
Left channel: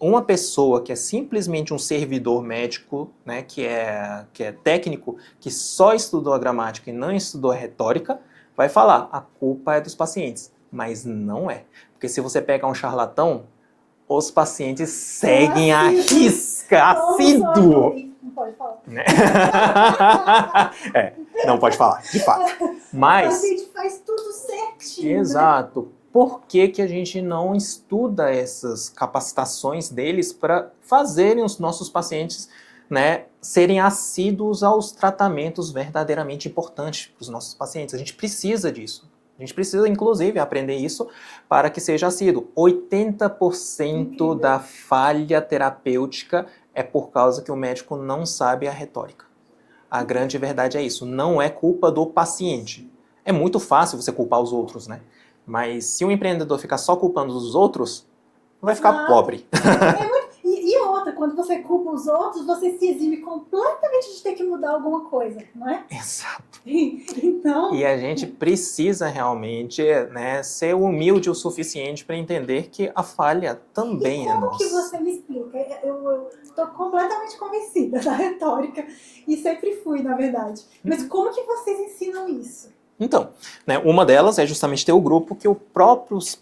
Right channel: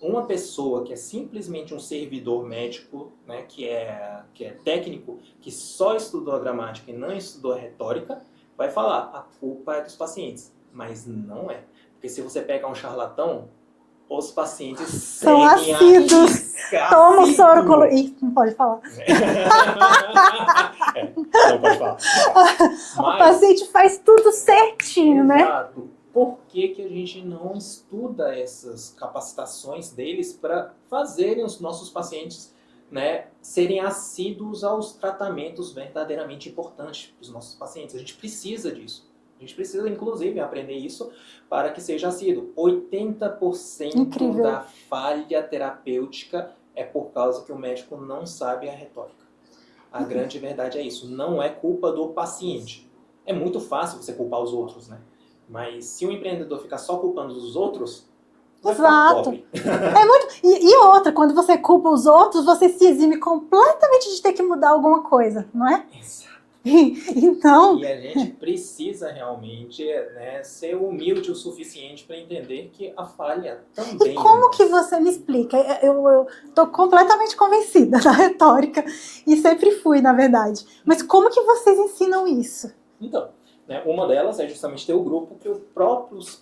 Uma pessoa que é simplesmente um servidor médico, né, que é técnico, que só estudou a gramática e não estudou a retórica, vai falar, a culpa é dos pacientes. Mas não é. Porque se você pega um charlatão, os pacientes seguem a risca. Toma Ih, não pode falar. Não pode falar, de fato. Mas, o paciente faz tudo certinho, exato. Né? Por que a gente não estuda essas capacitações deles para fazerem os nossos pacientes, né, serem assíduos aos tratamentos verdadeiramente importantes para os nossos pacientes? A gente precisa disso. A gente precisa, inclusive, aprender isso para que seja assíduo. 80% Incrível. Da falha terapêutica é por causa que o médico não sabe a retórica. A grande verdade é isso. Não é culpa do paciente. É muito fácil você culpar os outros, né? Mas se um empreendedor ficar só culpando os outros, vai ficar pobre. E outra, quando você culpa os outros, você se exime completamente de ter que mudar alguma coisa, não é? Exato. Então... E a gente precisa realmente, né, ser humilde o suficiente para entender que a falha também é nossa. E como que você me explica? Eu tô completamente convencida da retórica e sempre fui, na verdade. Mas como que vocês ensinam isso? Então, né, uma delas é justamente ter o grupo que os próprios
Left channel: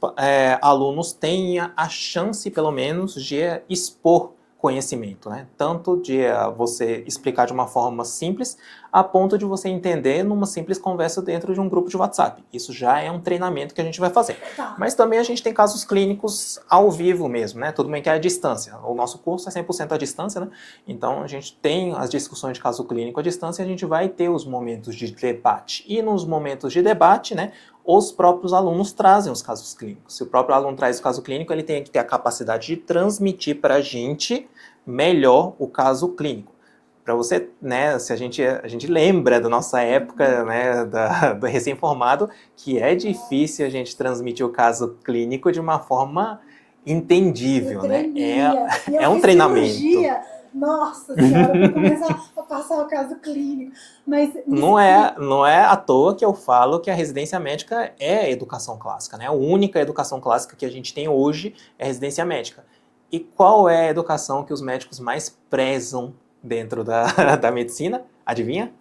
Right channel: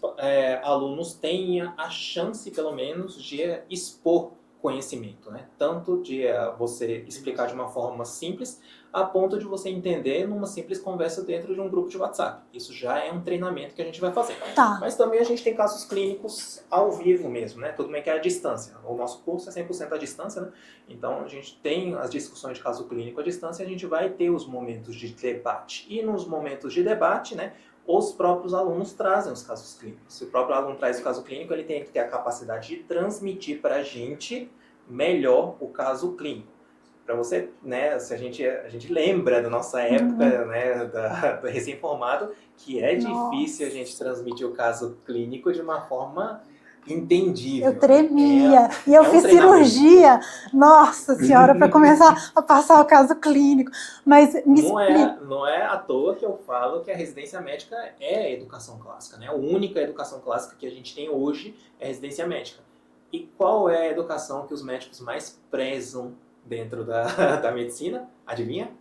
alunos tenham a chance, pelo menos, de expor conhecimento, né? Tanto de você explicar de uma forma simples, a ponto de você entender numa simples conversa dentro de um grupo de WhatsApp. Isso já é um treinamento que a gente vai fazer. Tá. Mas também a gente tem casos clínicos ao vivo mesmo, né? Tudo bem que é à distância. O nosso curso é 100% à distância, né? Então a gente tem as discussões de caso clínico à distância e a gente vai ter os momentos de debate. E nos momentos de debate, né, os próprios alunos trazem os casos clínicos. Se o próprio aluno traz o caso clínico, ele tem que ter a capacidade de transmitir para a gente melhor o caso clínico. Para você, né, se a gente lembra da nossa época, né, do recém-formado, que é difícil a gente transmitir o caso clínico de uma forma entendível, Eu né? tremia. E eu É um fiz treinamento. cirurgia, nossa senhora, para começar a passar o caso clínico. Mas me explica. Não é à toa que eu falo que a residência médica é educação clássica, né? A única educação clássica que a gente tem hoje é residência médica. E qual é a educação que os médicos mais prezam dentro da medicina? Adivinha?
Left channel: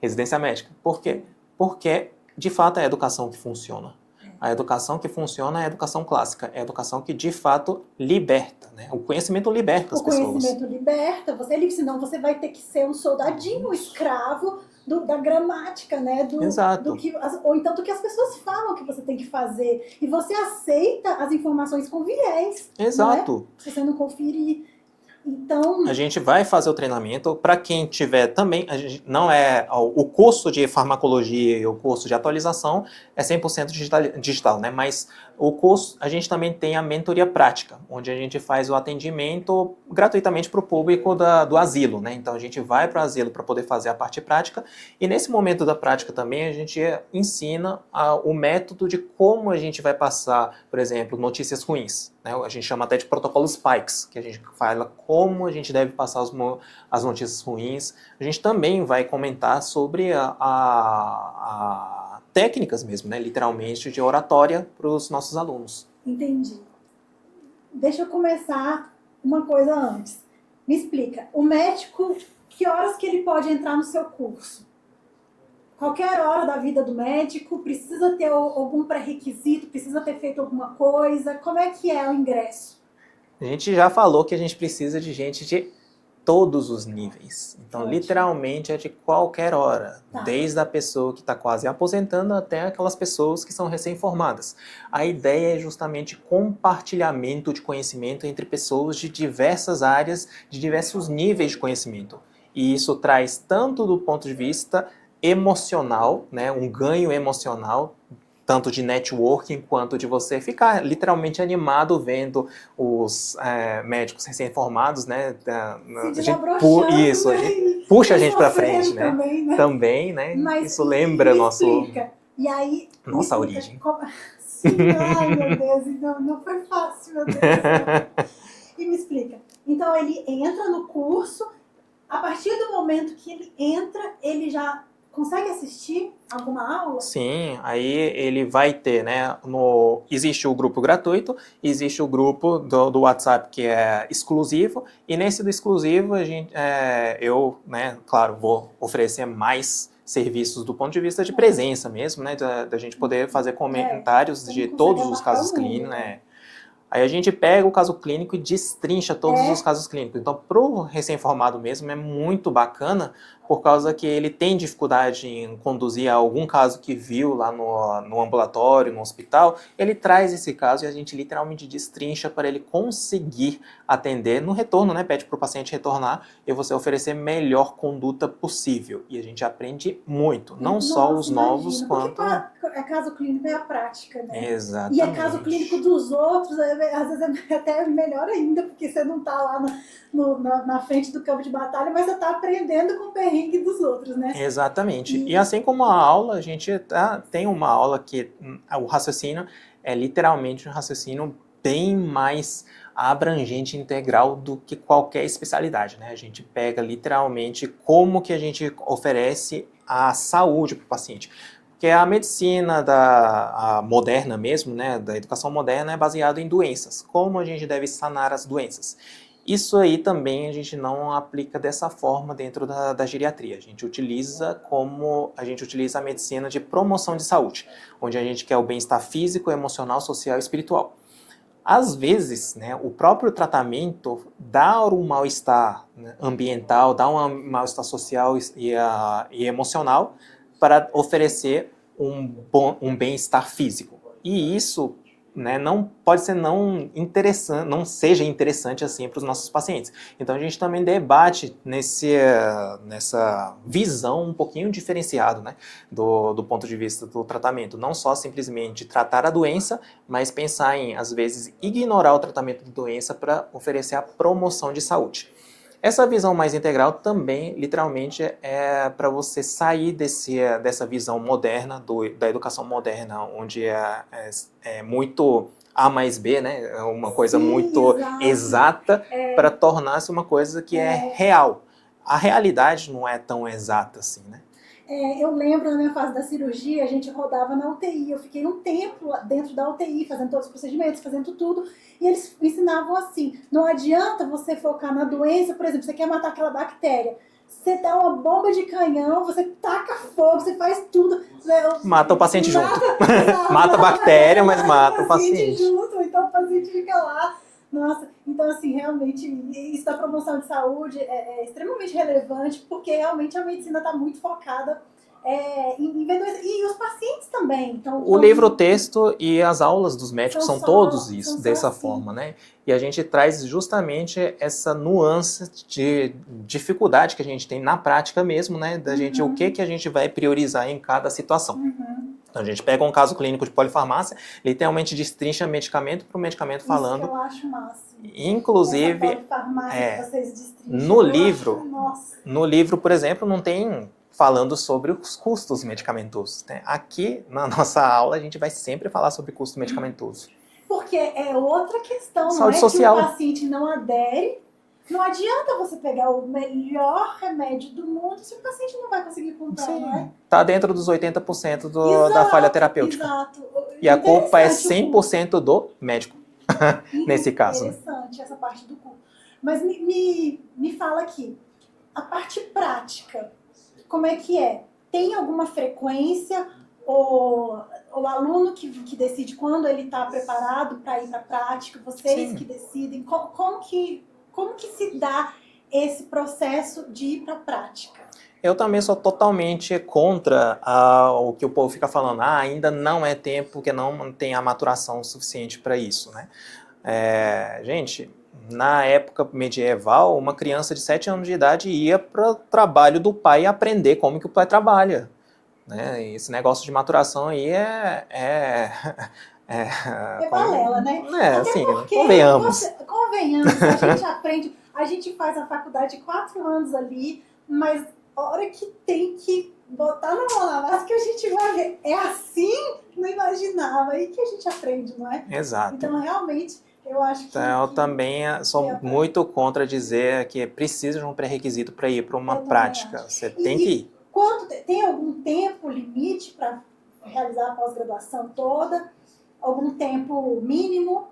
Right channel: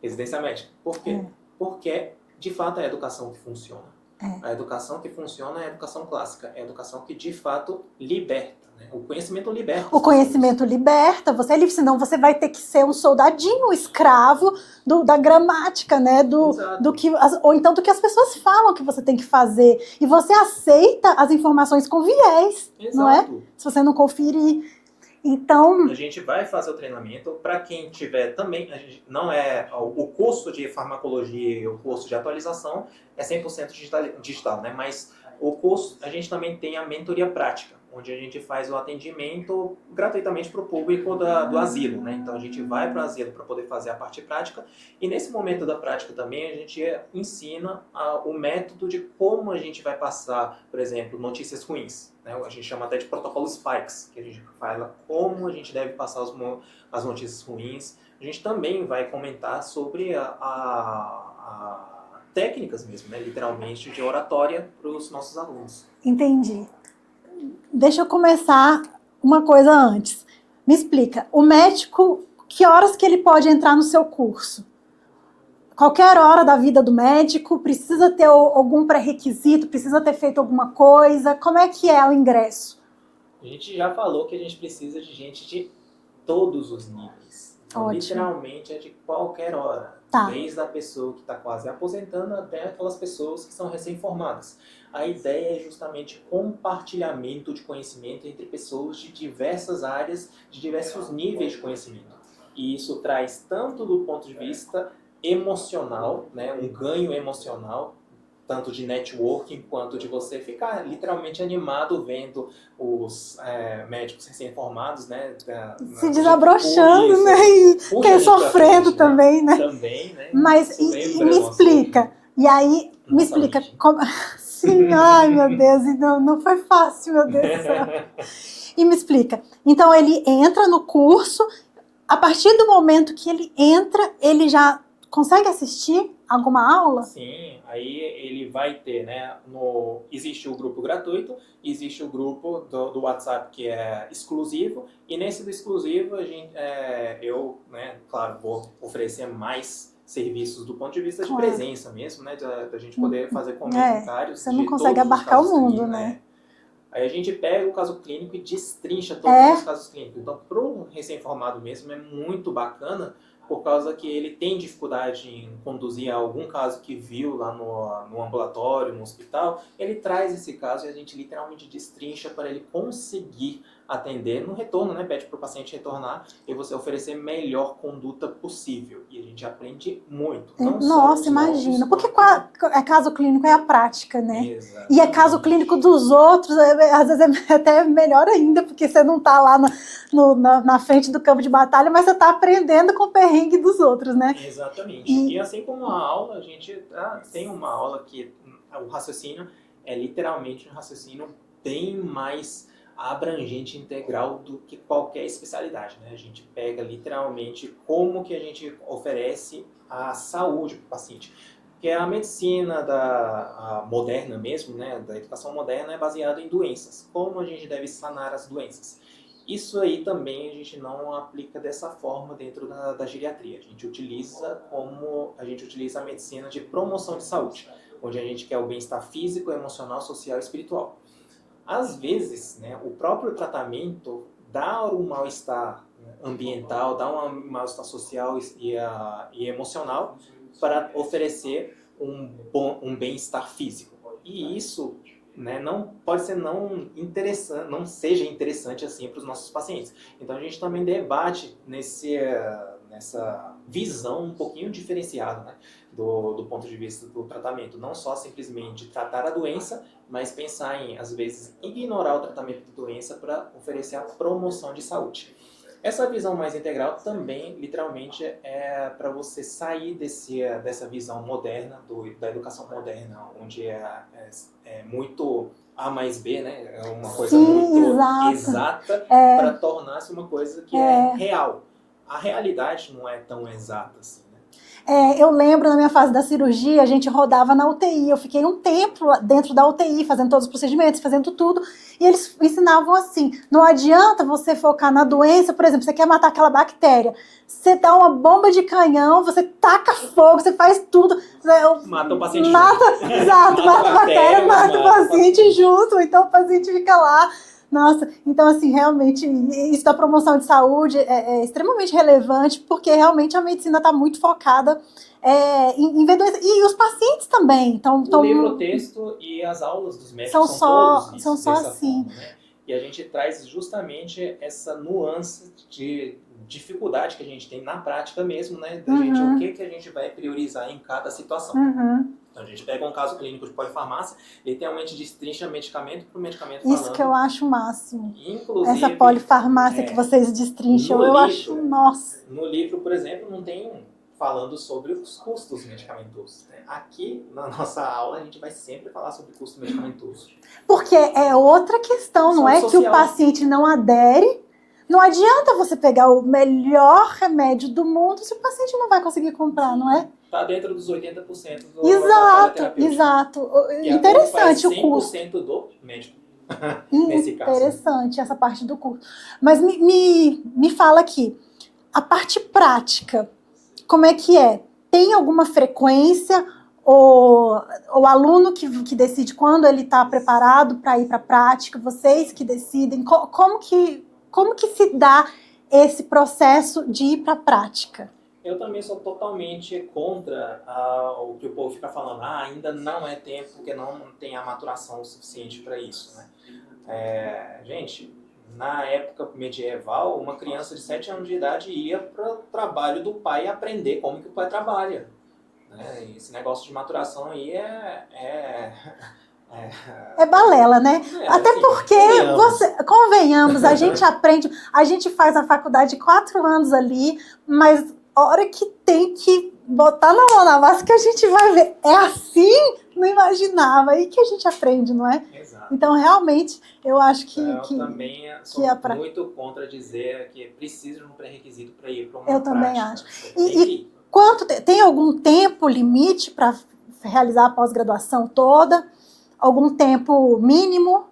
Residência médica. Por quê? É, Porque, de fato, é a educação que funciona. é. A educação que funciona é a educação clássica, é a educação que, de fato, liberta, né? O conhecimento liberta O as pessoas. conhecimento liberta, você é livre, senão você vai ter que ser um soldadinho, um escravo da gramática, né? Do Exato, que, ou então do que as pessoas falam que você tem que fazer. E você aceita as informações com viés, não é? exato. Se você não conferir. Então, A gente vai fazer o treinamento para quem tiver também, a gente, não é o curso de farmacologia e o curso de atualização é 100% digital, né? Mas o curso, a gente também tem a mentoria prática, onde a gente faz o atendimento gratuitamente para o público do asilo, né? Então a gente vai para o asilo para poder fazer a parte prática e nesse momento da prática também a gente ensina o método de como a gente vai passar, por exemplo, notícias ruins, né? A gente chama até de protocolo Spikes, que a gente fala como a gente deve passar as notícias ruins. A gente também vai comentar sobre técnicas mesmo, né? Literalmente, de oratória para os nossos alunos. entendi. Deixa eu começar uma coisa antes. Me explica, o médico, que horas que ele pode entrar no seu curso? Qualquer hora da vida do médico, precisa ter algum pré-requisito, precisa ter feito alguma coisa? Como é que é o ingresso? A gente já falou que a gente precisa de gente de todos os níveis. Então, Ótimo. literalmente, é de qualquer hora. Tá. Desde a pessoa que está quase aposentando até aquelas pessoas que são recém-formadas. A ideia é justamente compartilhamento de conhecimento entre pessoas de diversas áreas, de diversos níveis de conhecimento. E isso traz tanto do ponto de vista emocional, né, um ganho emocional, tanto de networking quanto de você ficar literalmente animado vendo os médicos recém-formados, né? Se A gente desabrochando, isso, né? E puxa a gente para sofrendo frente, né? também, né? Também, né? Mas Isso e lembra me explica. E aí, me nossa explica origem. como. Sim, ai meu Deus, e não foi fácil, meu Deus do céu. E me explica. Então ele entra no curso, a partir do momento que ele entra, ele já consegue assistir alguma aula? Sim, aí ele vai ter, né? Existe o grupo gratuito, existe o grupo do WhatsApp que é exclusivo, e nesse do exclusivo eu, né, claro, vou oferecer mais serviços do ponto de vista de Claro. presença mesmo, né? Da gente poder fazer É, comentários você não de consegue todos os abarcar casos o mundo, clínicos, né? né? Aí a gente pega o caso clínico e destrincha todos os É, casos clínicos. Então, para o recém-formado mesmo, é muito bacana, por causa que ele tem dificuldade em conduzir a algum caso que viu lá no ambulatório, no hospital, ele traz esse caso e a gente literalmente destrincha para ele conseguir atender no retorno, né? Pede para o paciente retornar e você oferecer melhor conduta possível. E a gente aprende muito, não só nossa, os novos, imagina. Porque quanto... é caso clínico é a prática, né? E é caso clínico Exatamente. dos outros, às vezes é até melhor ainda, porque você não está lá na frente do campo de batalha, mas você está aprendendo com o perrengue dos outros, né? Exatamente. E E assim como a aula, a gente tem uma aula que o raciocínio é literalmente um raciocínio bem mais abrangente e integral do que qualquer especialidade, né? A gente pega literalmente como que a gente oferece a saúde para o paciente. Porque a medicina a moderna mesmo, né, da educação moderna é baseada em doenças. Como a gente deve sanar as doenças. Isso aí também a gente não aplica dessa forma dentro da geriatria. A gente utiliza a medicina de promoção de saúde, onde a gente quer o bem-estar físico, emocional, social e espiritual. Às vezes, né, o próprio tratamento dá um mal-estar, né, ambiental, dá um mal-estar social e emocional para oferecer um bem-estar físico. E isso, né, não pode ser não interessante, não seja interessante assim para os nossos pacientes. Então a gente também debate nessa visão um pouquinho diferenciado, né, do ponto de vista do tratamento, não só simplesmente tratar a doença, mas pensar em, às vezes, ignorar o tratamento de doença para oferecer a promoção de saúde. Essa visão mais integral também, literalmente, é para você sair dessa visão moderna, da educação moderna, onde é muito A mais B, né? É uma coisa Sim, muito exato. exata para tornar-se uma coisa que é real. A realidade não é tão exata assim, né? Eu lembro na minha fase da cirurgia, a gente rodava na UTI. Eu fiquei um tempo dentro da UTI, fazendo todos os procedimentos, fazendo tudo. E eles ensinavam assim: não adianta você focar na doença, por exemplo, você quer matar aquela bactéria. Você dá uma bomba de canhão, você taca fogo, você faz tudo. Mata o paciente junto. Exato, mata a bactéria, mas mata o paciente junto. Então o paciente fica lá. Nossa, então assim, realmente, isso da promoção de saúde é extremamente relevante, porque realmente a medicina está muito focada em ver doenças. E os pacientes também. Então, o livro-texto e as aulas dos médicos são todos isso, dessa assim. forma, né? E a gente traz justamente essa nuance de dificuldade que a gente tem na prática mesmo, né? Da gente, o que a gente vai priorizar em cada situação. Então, a gente pega um caso clínico de polifarmácia, literalmente destrincha medicamento por medicamento falando. Isso que eu acho o máximo. Inclusive, essa polifarmácia que vocês destrincham, no livro, por exemplo, não tem falando sobre os custos medicamentosos. Né? Aqui, na nossa aula, a gente vai sempre falar sobre custo medicamentoso. Porque é outra questão, não é social. Que o paciente não adere. Não adianta você pegar o melhor remédio do mundo se o paciente não vai conseguir comprar, Sim, não é? Está dentro dos 80% da falha terapêutica. Exato. E a culpa é 100% do médico, nesse caso. Interessante essa parte do curso. Mas me fala aqui, a parte prática, como é que é? Tem alguma frequência? O aluno que decide quando ele está preparado para ir para a prática? Vocês que decidem? Como que se dá esse processo de ir para a prática? Eu também sou totalmente contra o que o povo fica falando. Ainda não é tempo, porque não tem a maturação suficiente para isso, né? Gente, na época medieval, uma criança de 7 anos de idade ia para o trabalho do pai aprender como que o pai trabalha. Né? Esse negócio de maturação aí é balela, né? Até assim, porque, convenhamos, a gente aprende, a gente faz a faculdade 4 anos ali, mas a hora que tem que botar na mão na massa que a gente vai ver. É assim? Não imaginava. Aí que a gente aprende, não é? Exato. Então, realmente, eu acho que... eu também sou muito contra dizer que precisa de um pré-requisito para ir para uma prática. Você tem que ir. Tem algum tempo limite para realizar a pós-graduação toda? Algum tempo mínimo?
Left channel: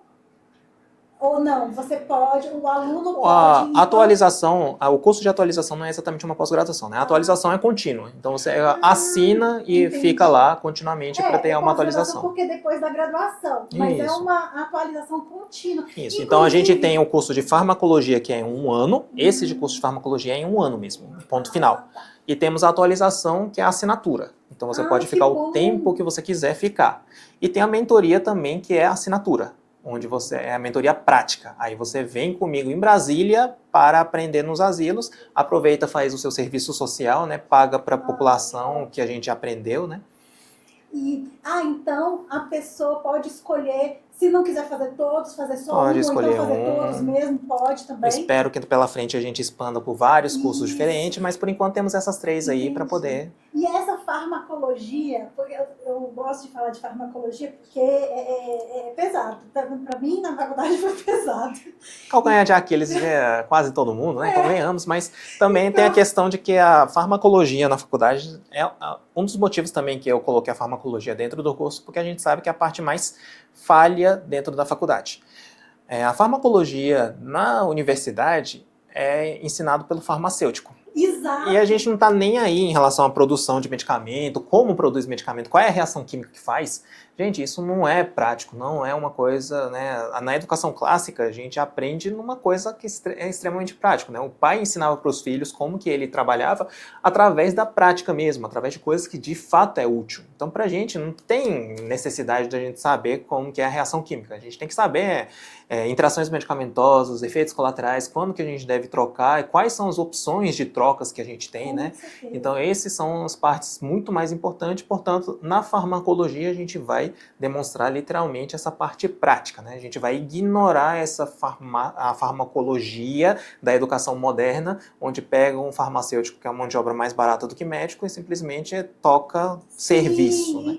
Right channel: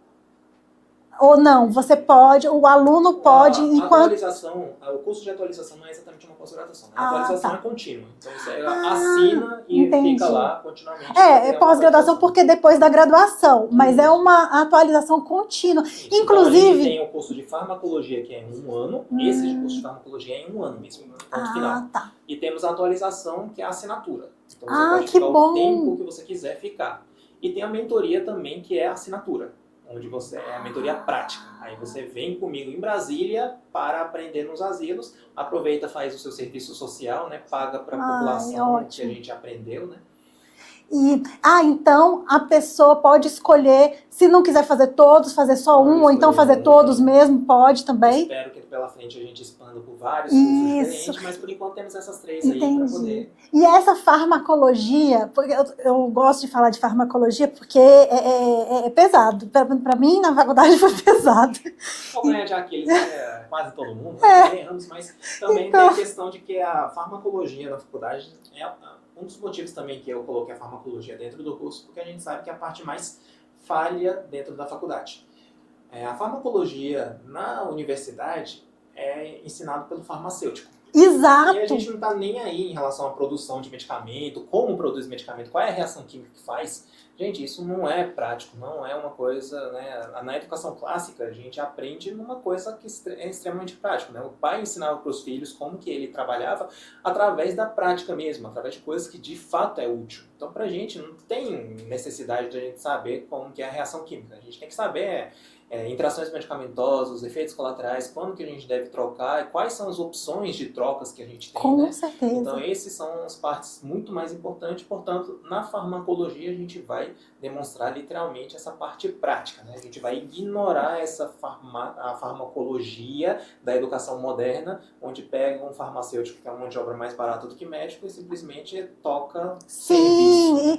Ou não, você pode, o aluno pode... A atualização, o curso de atualização não é exatamente uma pós-graduação, né? A atualização é contínua. Então você assina e fica lá continuamente para ter uma atualização. Porque depois da graduação, mas é uma atualização contínua. Isso. Então a gente tem o curso de farmacologia, que é em 1 ano, esse de curso de farmacologia é em 1 ano mesmo, ponto final. Tá. E temos a atualização, que é a assinatura. Então você pode ficar o tempo que você quiser ficar. E tem a mentoria também, que é a assinatura, onde é a mentoria prática. Aí você vem comigo em Brasília para aprender nos asilos, aproveita, faz o seu serviço social, né? Paga para a população que a gente aprendeu, né? Então a pessoa pode escolher, se não quiser fazer todos, fazer só um, ou então fazer todos mesmo, pode também. Espero que pela frente a gente expanda por vários cursos diferentes, mas por enquanto temos essas 3 aí para poder... E essa farmacologia, porque eu gosto de falar de farmacologia porque é pesado. Para mim, na faculdade foi pesado. Calcanhar de Aquiles quase todo mundo, né? Convenhamos, mas também tem a questão de que a farmacologia na faculdade é um dos motivos também que eu coloquei a farmacologia dentro do curso, porque a gente sabe que é a parte mais falha dentro da faculdade. A farmacologia na universidade é ensinado pelo farmacêutico. Exato. E a gente não está nem aí em relação à produção de medicamento, como produz medicamento, qual é a reação química que faz. Gente, isso não é prático, não é uma coisa, né? Na educação clássica, a gente aprende numa coisa que é extremamente prática, né? O pai ensinava para os filhos como que ele trabalhava através da prática mesmo, através de coisas que de fato é útil. Então, para a gente, não tem necessidade de a gente saber como que é a reação química. A gente tem que saber interações medicamentosas, efeitos colaterais, quando que a gente deve trocar, e quais são as opções de trocas que a gente tem, né? Com certeza. Então, esses são as partes muito mais importantes, portanto, na farmacologia a gente vai vai demonstrar literalmente essa parte prática, né? A gente vai ignorar a farmacologia da educação moderna, onde pega um farmacêutico que é uma mão de obra mais barata do que médico e simplesmente toca serviço. Sim,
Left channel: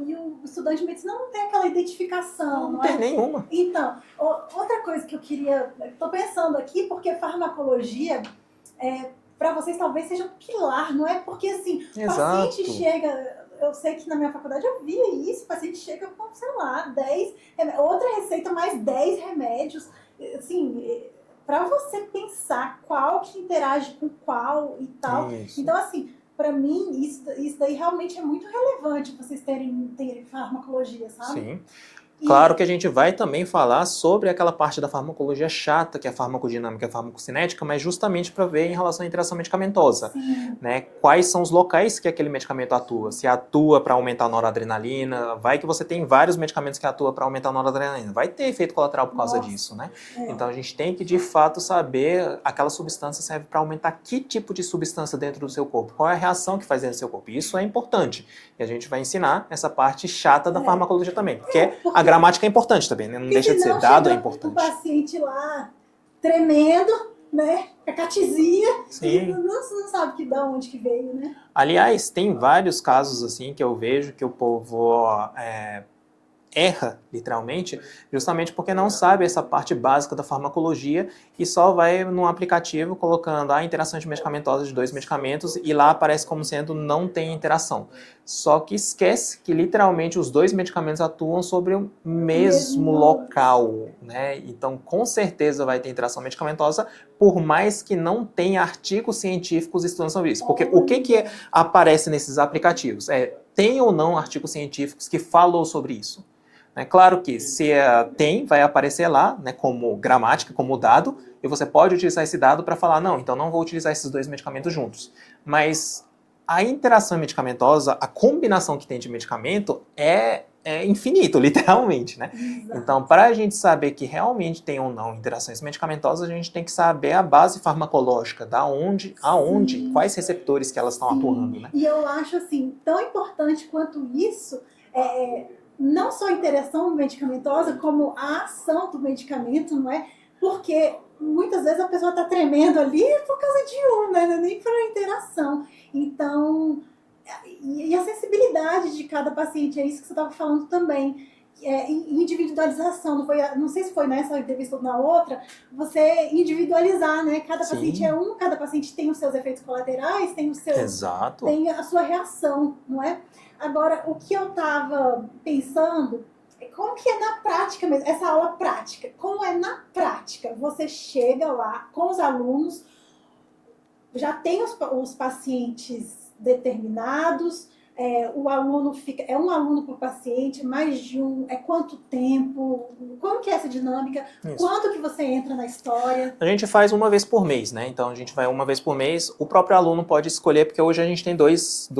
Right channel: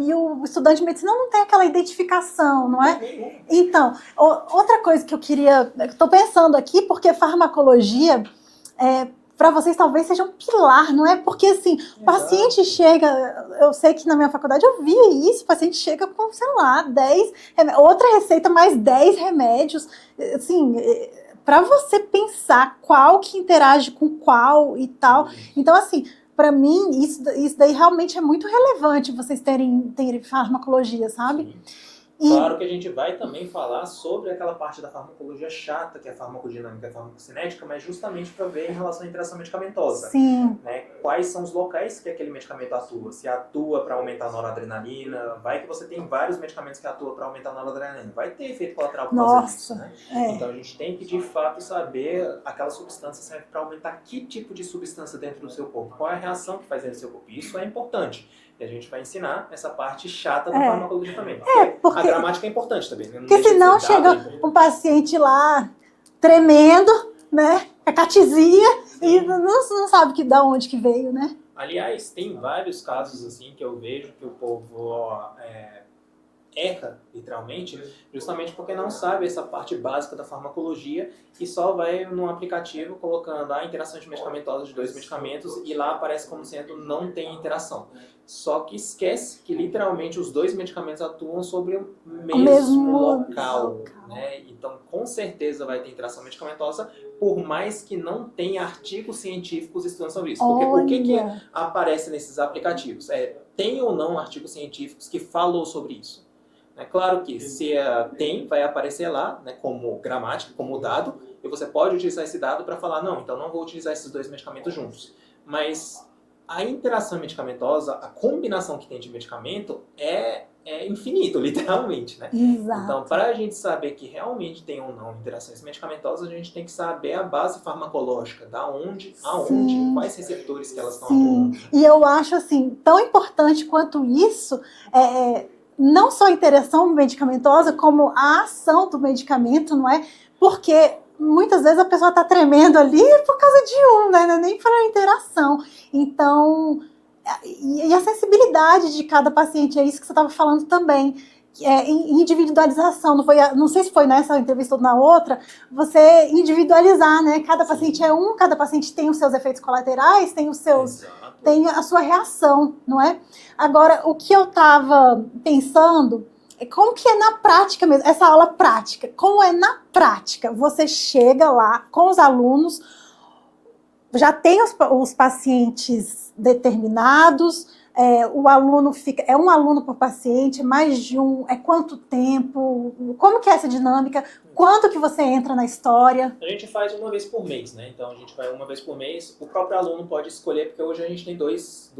e o estudante de medicina não tem aquela identificação, não é? Não tem nenhuma. Então, outra coisa que eu queria... Estou pensando aqui, porque farmacologia, para vocês talvez seja um pilar, não é? Porque, assim, o paciente chega... Eu sei que na minha faculdade eu via isso, o paciente chega com, sei lá, 10... Outra receita, mais 10 remédios. Assim, para você pensar qual que interage com qual e tal. Isso. Então, assim... Para mim, isso daí realmente é muito relevante, vocês terem farmacologia, sabe? Sim. Claro que a gente vai também falar sobre aquela parte da farmacologia chata, que é a farmacodinâmica e a farmacocinética, mas justamente para ver em relação à interação medicamentosa. Sim. Né? Quais são os locais que aquele medicamento atua? Se atua para aumentar a noradrenalina, vai que você tem vários medicamentos que atuam para aumentar a noradrenalina. Vai ter efeito colateral por causa disso, né? Então a gente tem que, de fato, saber aquela substância serve para aumentar que tipo de substância dentro do seu corpo. Qual é a reação que faz dentro do seu corpo? Isso é importante. E a gente vai ensinar essa parte chata da farmacologia também. Porque a gramática é importante também, né? Não deixa de ser dado, é importante. Um paciente lá tremendo, né? A catizia e não sabe de onde que veio, né? Aliás, tem vários casos assim que eu vejo que o povo erra, literalmente, justamente porque não sabe essa parte básica da farmacologia e só vai num aplicativo colocando a interação medicamentosa de dois medicamentos e lá aparece como sendo não tem interação. Só que esquece que literalmente os dois medicamentos atuam sobre o mesmo local, né? Então, com certeza vai ter interação medicamentosa, por mais que não tenha artigos científicos estudando sobre isso. Porque o que aparece nesses aplicativos? Tem ou não artigos científicos que falam sobre isso? É claro que se tem, vai aparecer lá, né, como gramática, como dado, e você pode utilizar esse dado para falar, não, então não vou utilizar esses dois medicamentos juntos. Mas a interação medicamentosa, a combinação que tem de medicamento é infinito, literalmente, né? Exato. Então, para a gente saber que realmente tem ou não interações medicamentosas, a gente tem que saber a base farmacológica, da onde, aonde, quais receptores que elas estão atuando. Né? E eu acho, assim, tão importante quanto isso, não só a interação medicamentosa, como a ação do medicamento, não é? Porque muitas vezes a pessoa está tremendo ali por causa de né? Nem para a interação. Então, e a sensibilidade de cada paciente, é isso que você estava falando também. Individualização, não sei se foi nessa entrevista ou na outra, você individualizar, né? Cada paciente é cada paciente tem os seus efeitos colaterais, tem tem a sua reação, não é? Agora, o que eu estava pensando é como que é na prática mesmo, essa aula prática, como é na prática, você chega lá com os alunos, já tem os pacientes determinados, o aluno fica... É um aluno por paciente, mais de um... É quanto tempo? Como que é essa dinâmica? Isso. Quanto que você entra na história? A gente faz uma vez por mês, né? Então, a gente vai uma vez por mês. O próprio aluno pode escolher, porque hoje a gente tem duas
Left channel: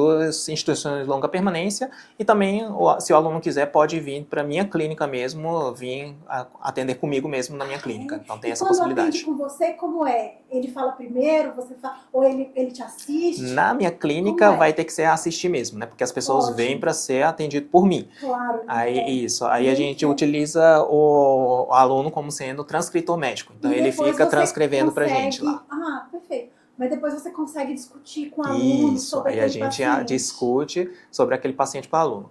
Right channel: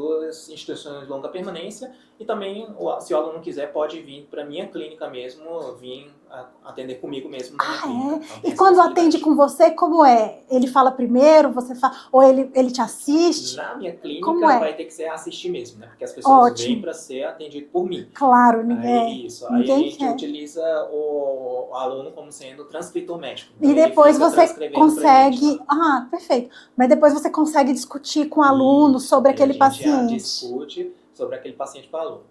instituições de longa permanência e também, se o aluno quiser, pode vir para a minha clínica mesmo, vir atender comigo mesmo na minha clínica. Então, tem essa quando atende com você, como é? Ele fala primeiro, você fala... Ou ele te assiste? Na minha clínica vai ter que ser assistir mesmo, né? Porque as pessoas vêm para ser atendido por mim. Claro. Aí a gente utiliza o aluno como sendo transcritor médico. Então, e depois ele fica você transcrevendo pra gente lá. Ah, perfeito. Mas depois você consegue discutir com o aluno sobre aquele paciente. A gente discute sobre aquele paciente com o aluno.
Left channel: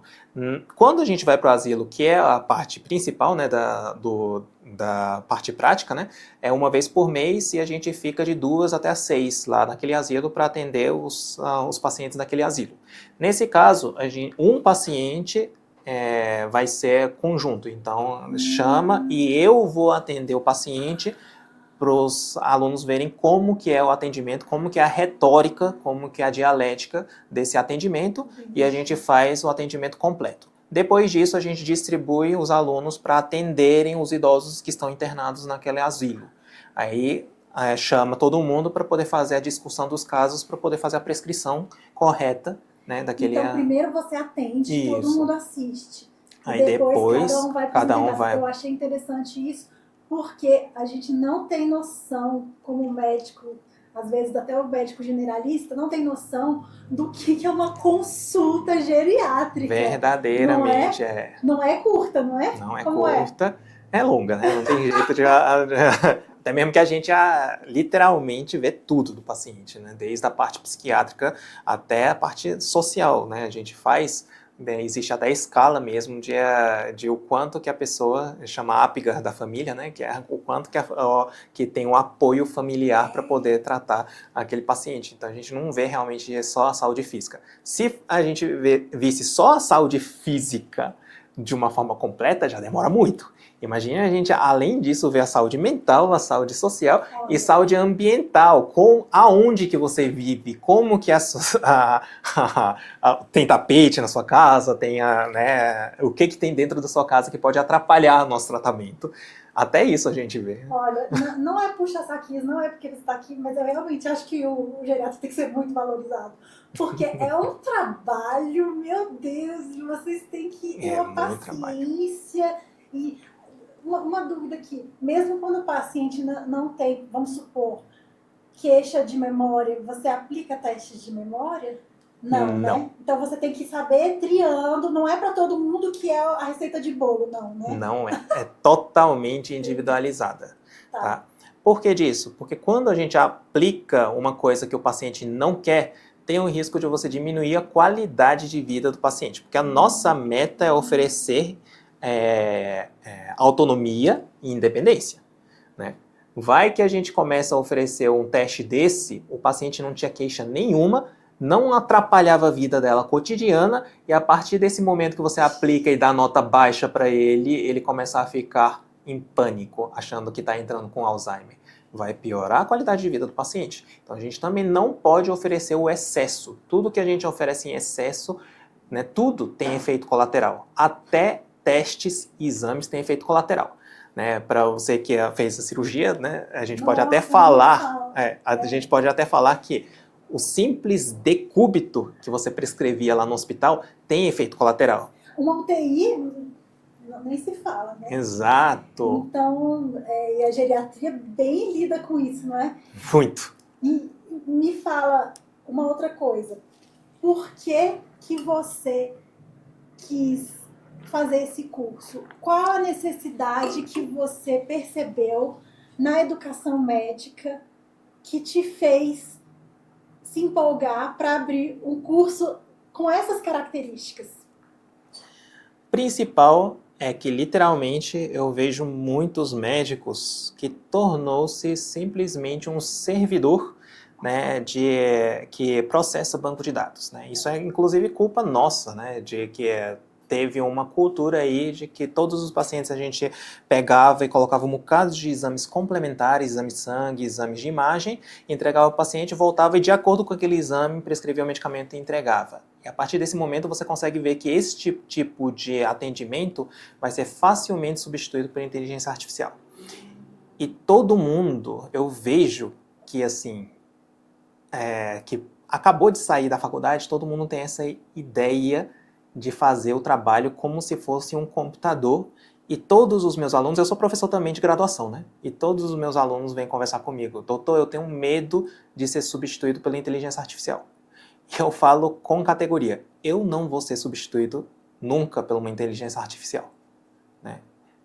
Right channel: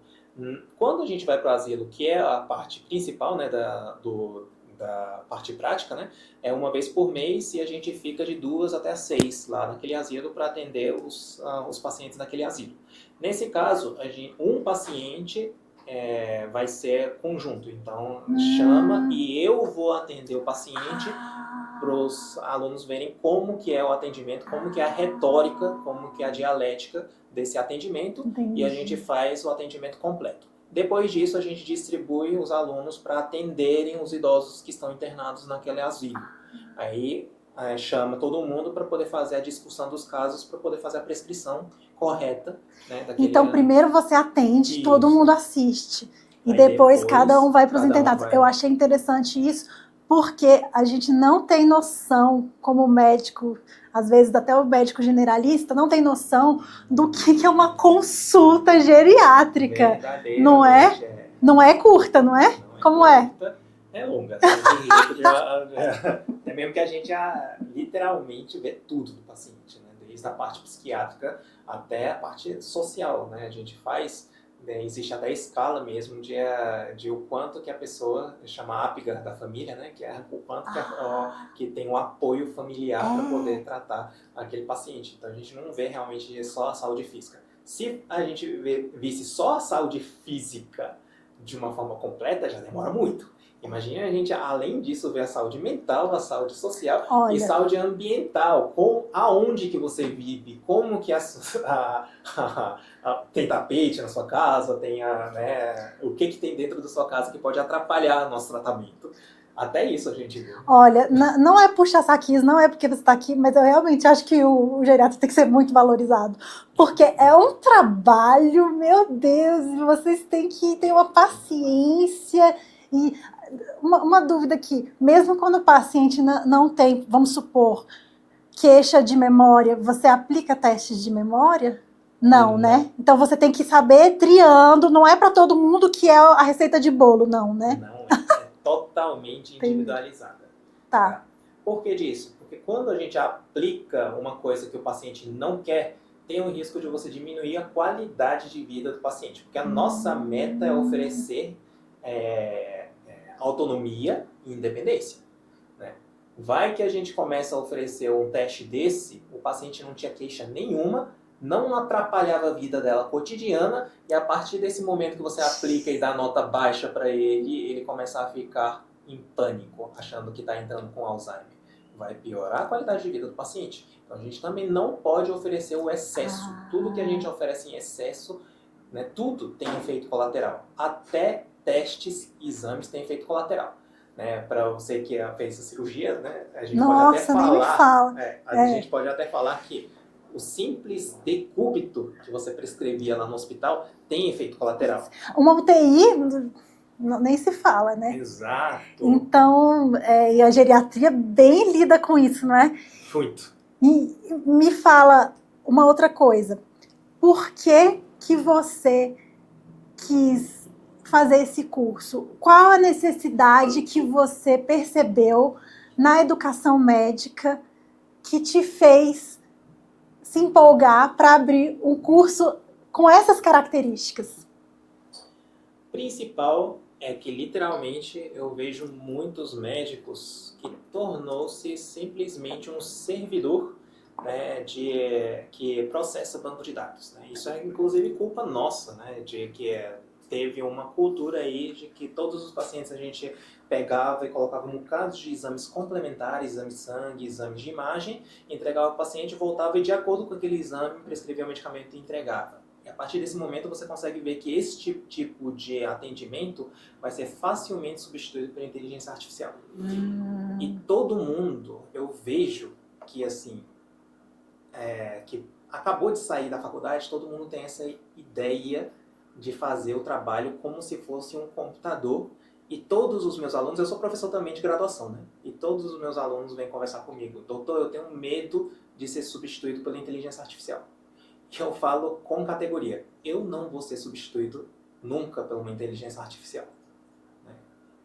Quando a gente vai para o asilo, que é a parte principal, né, da parte prática, né? É uma vez por mês e a gente fica de 2 até 6 lá naquele asilo para atender os pacientes daquele asilo. Nesse caso, um paciente vai ser conjunto, então chama e eu vou atender o paciente para os alunos verem como que é o atendimento, como que é a retórica, como que é a dialética desse atendimento. Entendi. E a gente faz o atendimento completo. Depois disso, a gente distribui os alunos para atenderem os idosos que estão internados naquele asilo. Aí chama todo mundo para poder fazer a discussão dos casos, para poder fazer a prescrição correta, né, daquele... Então, primeiro você atende, todo mundo assiste. E depois cada um vai para os internados. Eu achei interessante isso, porque a gente não tem noção, como médico, às vezes até o médico generalista não tem noção do que é uma consulta geriátrica. Verdadeiramente Não é curta, não é? Não é Como curta. É longa, né? Não tem jeito de... Até mesmo que a gente literalmente vê tudo do paciente, né? Desde a parte psiquiátrica até a parte social, né? A gente faz... Existe até a escala mesmo de o quanto que a pessoa, chama Apgar da família, né? Que é o quanto que tem um apoio familiar para poder tratar aquele paciente. Então a gente não vê realmente só a saúde física. Se a gente visse só a saúde física de uma forma completa, já demora muito. Imagina a gente, além disso, ver a saúde mental, a saúde social e saúde ambiental. Aonde que você vive, como que tem tapete na sua casa, tem né, o que tem dentro da sua casa que pode atrapalhar o nosso tratamento. Até isso a gente vê. Olha, não é puxar saquinhos, não é porque você está aqui, mas eu realmente acho que o geriatra tem que ser muito valorizado. Porque é um trabalho, meu Deus, vocês têm que ter uma paciência. E uma dúvida aqui, mesmo quando o paciente não tem, vamos supor, queixa de memória, você aplica testes de memória? Não, né? Então você tem que saber triando, não é para todo mundo que é a receita de bolo, não, né? Não é totalmente individualizada. Tá? Por que disso? Porque quando a gente aplica uma coisa que o paciente não quer, tem o risco de você diminuir a qualidade de vida do paciente. Porque a nossa meta é oferecer autonomia e independência, né? Vai que a gente começa a oferecer um teste desse, o paciente não tinha queixa nenhuma, não atrapalhava a vida dela cotidiana, e a partir desse momento que você aplica e dá nota baixa para ele começa a ficar em pânico, achando que está entrando com Alzheimer. Vai piorar a qualidade de vida do paciente. Então a gente também não pode oferecer o excesso. Tudo que a gente oferece em excesso, né, tudo tem efeito colateral. Até testes e exames têm efeito colateral. Né, para você que fez a cirurgia, né, a gente pode até falar, a gente pode até falar que o simples decúbito que você prescrevia lá no hospital tem efeito colateral. Uma UTI nem se fala, né? Exato. Então, e a geriatria bem lida com isso, não é? Muito. E me fala uma outra coisa. Por que você quis fazer esse curso? Qual a necessidade que você percebeu na educação médica que te fez se empolgar para abrir um curso com essas características? Principal é que, literalmente, eu vejo muitos médicos que tornou-se simplesmente um servidor, né, que processa banco de dados, né? Isso é, inclusive, culpa nossa, né, de que teve uma cultura aí de que todos os pacientes a gente pegava e colocava um bocado de exames complementares, exame de sangue, exames de imagem, entregava ao paciente, voltava e, de acordo com aquele exame, prescrevia o medicamento e entregava. E a partir desse momento você consegue ver que esse tipo de atendimento vai ser facilmente substituído por inteligência artificial. E todo mundo, eu vejo que assim, que acabou de sair da faculdade, todo mundo tem essa ideia de fazer o trabalho como se fosse um computador. E todos os meus alunos, eu sou professor também de graduação, né? E todos os meus alunos vêm conversar comigo. Doutor, eu tenho medo de ser substituído pela inteligência artificial. E eu falo com categoria, eu não vou ser substituído nunca por uma inteligência artificial. Né?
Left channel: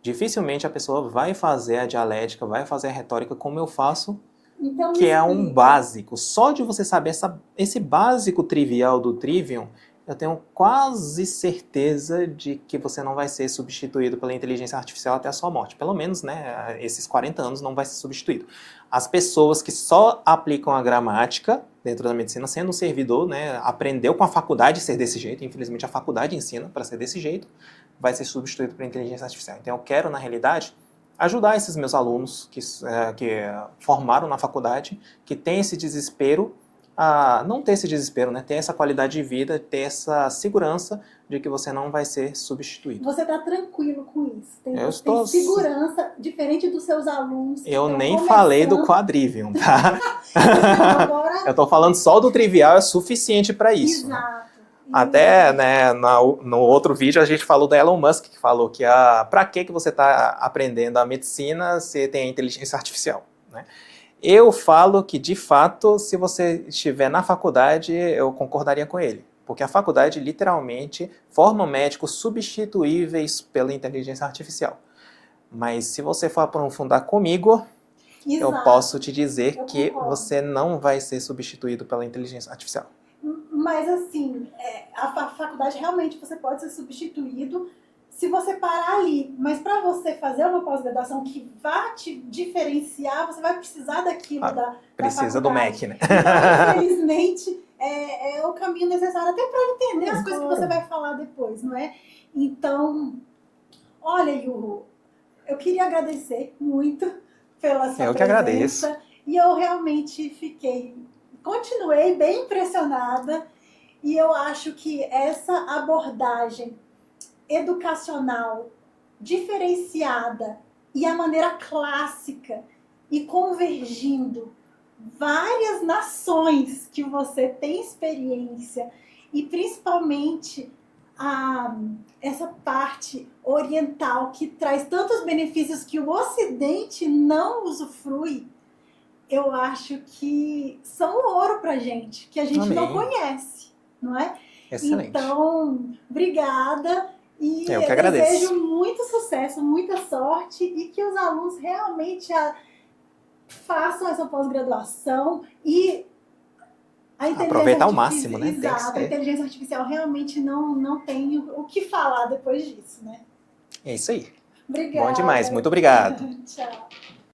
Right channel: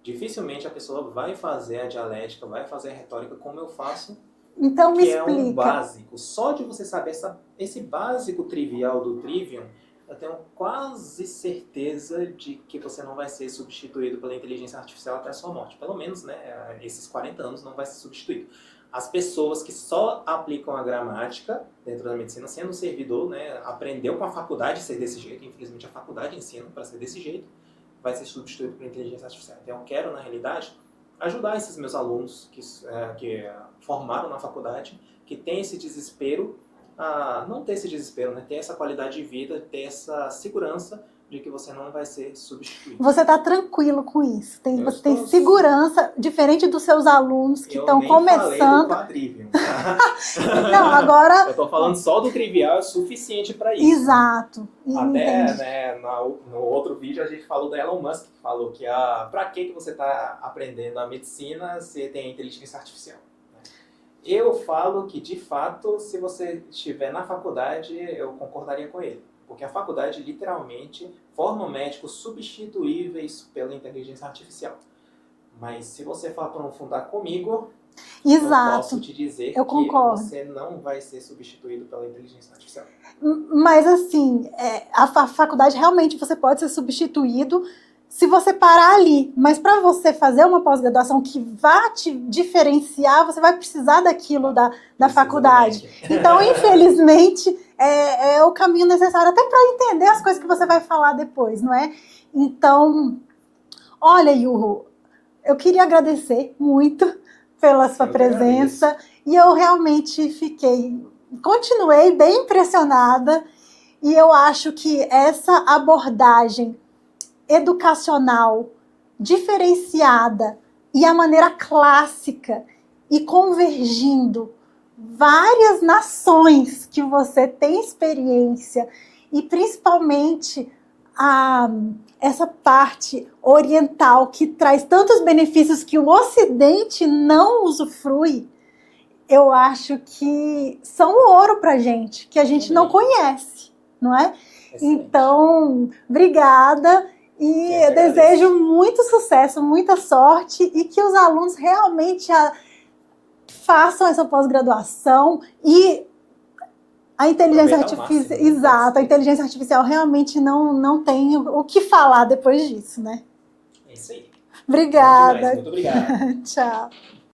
Dificilmente a pessoa vai fazer a dialética, vai fazer a retórica como eu faço, então, que é um básico. Só de você saber esse básico trivial do Trivium, eu tenho quase certeza de que você não vai ser substituído pela inteligência artificial até a sua morte. Pelo menos, né, esses 40 anos não vai ser substituído. As pessoas que só aplicam a gramática dentro da medicina, sendo um servidor, né, aprendeu com a faculdade ser desse jeito, infelizmente a faculdade ensina para ser desse jeito, vai ser substituído por inteligência artificial. Então eu quero, na realidade, ajudar esses meus alunos que formaram na faculdade, que têm esse desespero, a não ter esse desespero, né? Ter essa qualidade de vida, ter essa segurança de que você não vai ser substituído. Você está tranquilo com isso? Você tem segurança, diferente dos seus alunos que estão começando... Eu nem falei do Quadrivium, tá? Não, agora... Eu estou falando só do trivial, é suficiente para isso. Exato. Até, né, no outro vídeo a gente falou da Elon Musk, que falou que para que você está aprendendo a medicina se tem a inteligência artificial, né? Eu falo que, de fato, se você estiver na faculdade, eu concordaria com ele. Porque a faculdade, literalmente, forma médicos substituíveis pela inteligência artificial. Mas se você for aprofundar comigo, eu posso te dizer eu que concordo. você não vai ser substituído pela inteligência artificial. Mas, assim, a faculdade realmente você pode ser substituído se você parar ali. Mas para você fazer uma pós-graduação que vá te diferenciar, você vai precisar daquilo da faculdade. Do MEC, né? Então, infelizmente, é o caminho necessário até para entender as coisas que você vai falar depois, não é? Então, olha, Yurro, eu queria agradecer muito pela sua presença. E eu realmente continuei bem impressionada. E eu acho que essa abordagem educacional diferenciada e a maneira clássica e convergindo várias nações que você tem experiência e principalmente essa parte oriental que traz tantos benefícios que o Ocidente não usufrui, eu acho que são ouro pra gente, que a gente não conhece, não é? Excelente. Então, obrigada e eu desejo muito sucesso, muita sorte e que os alunos realmente façam essa pós-graduação e a inteligência artificial, né? Exato, a inteligência artificial realmente não tem o que falar depois disso, né? É isso aí. Obrigada. Bom demais, muito obrigado. Tchau.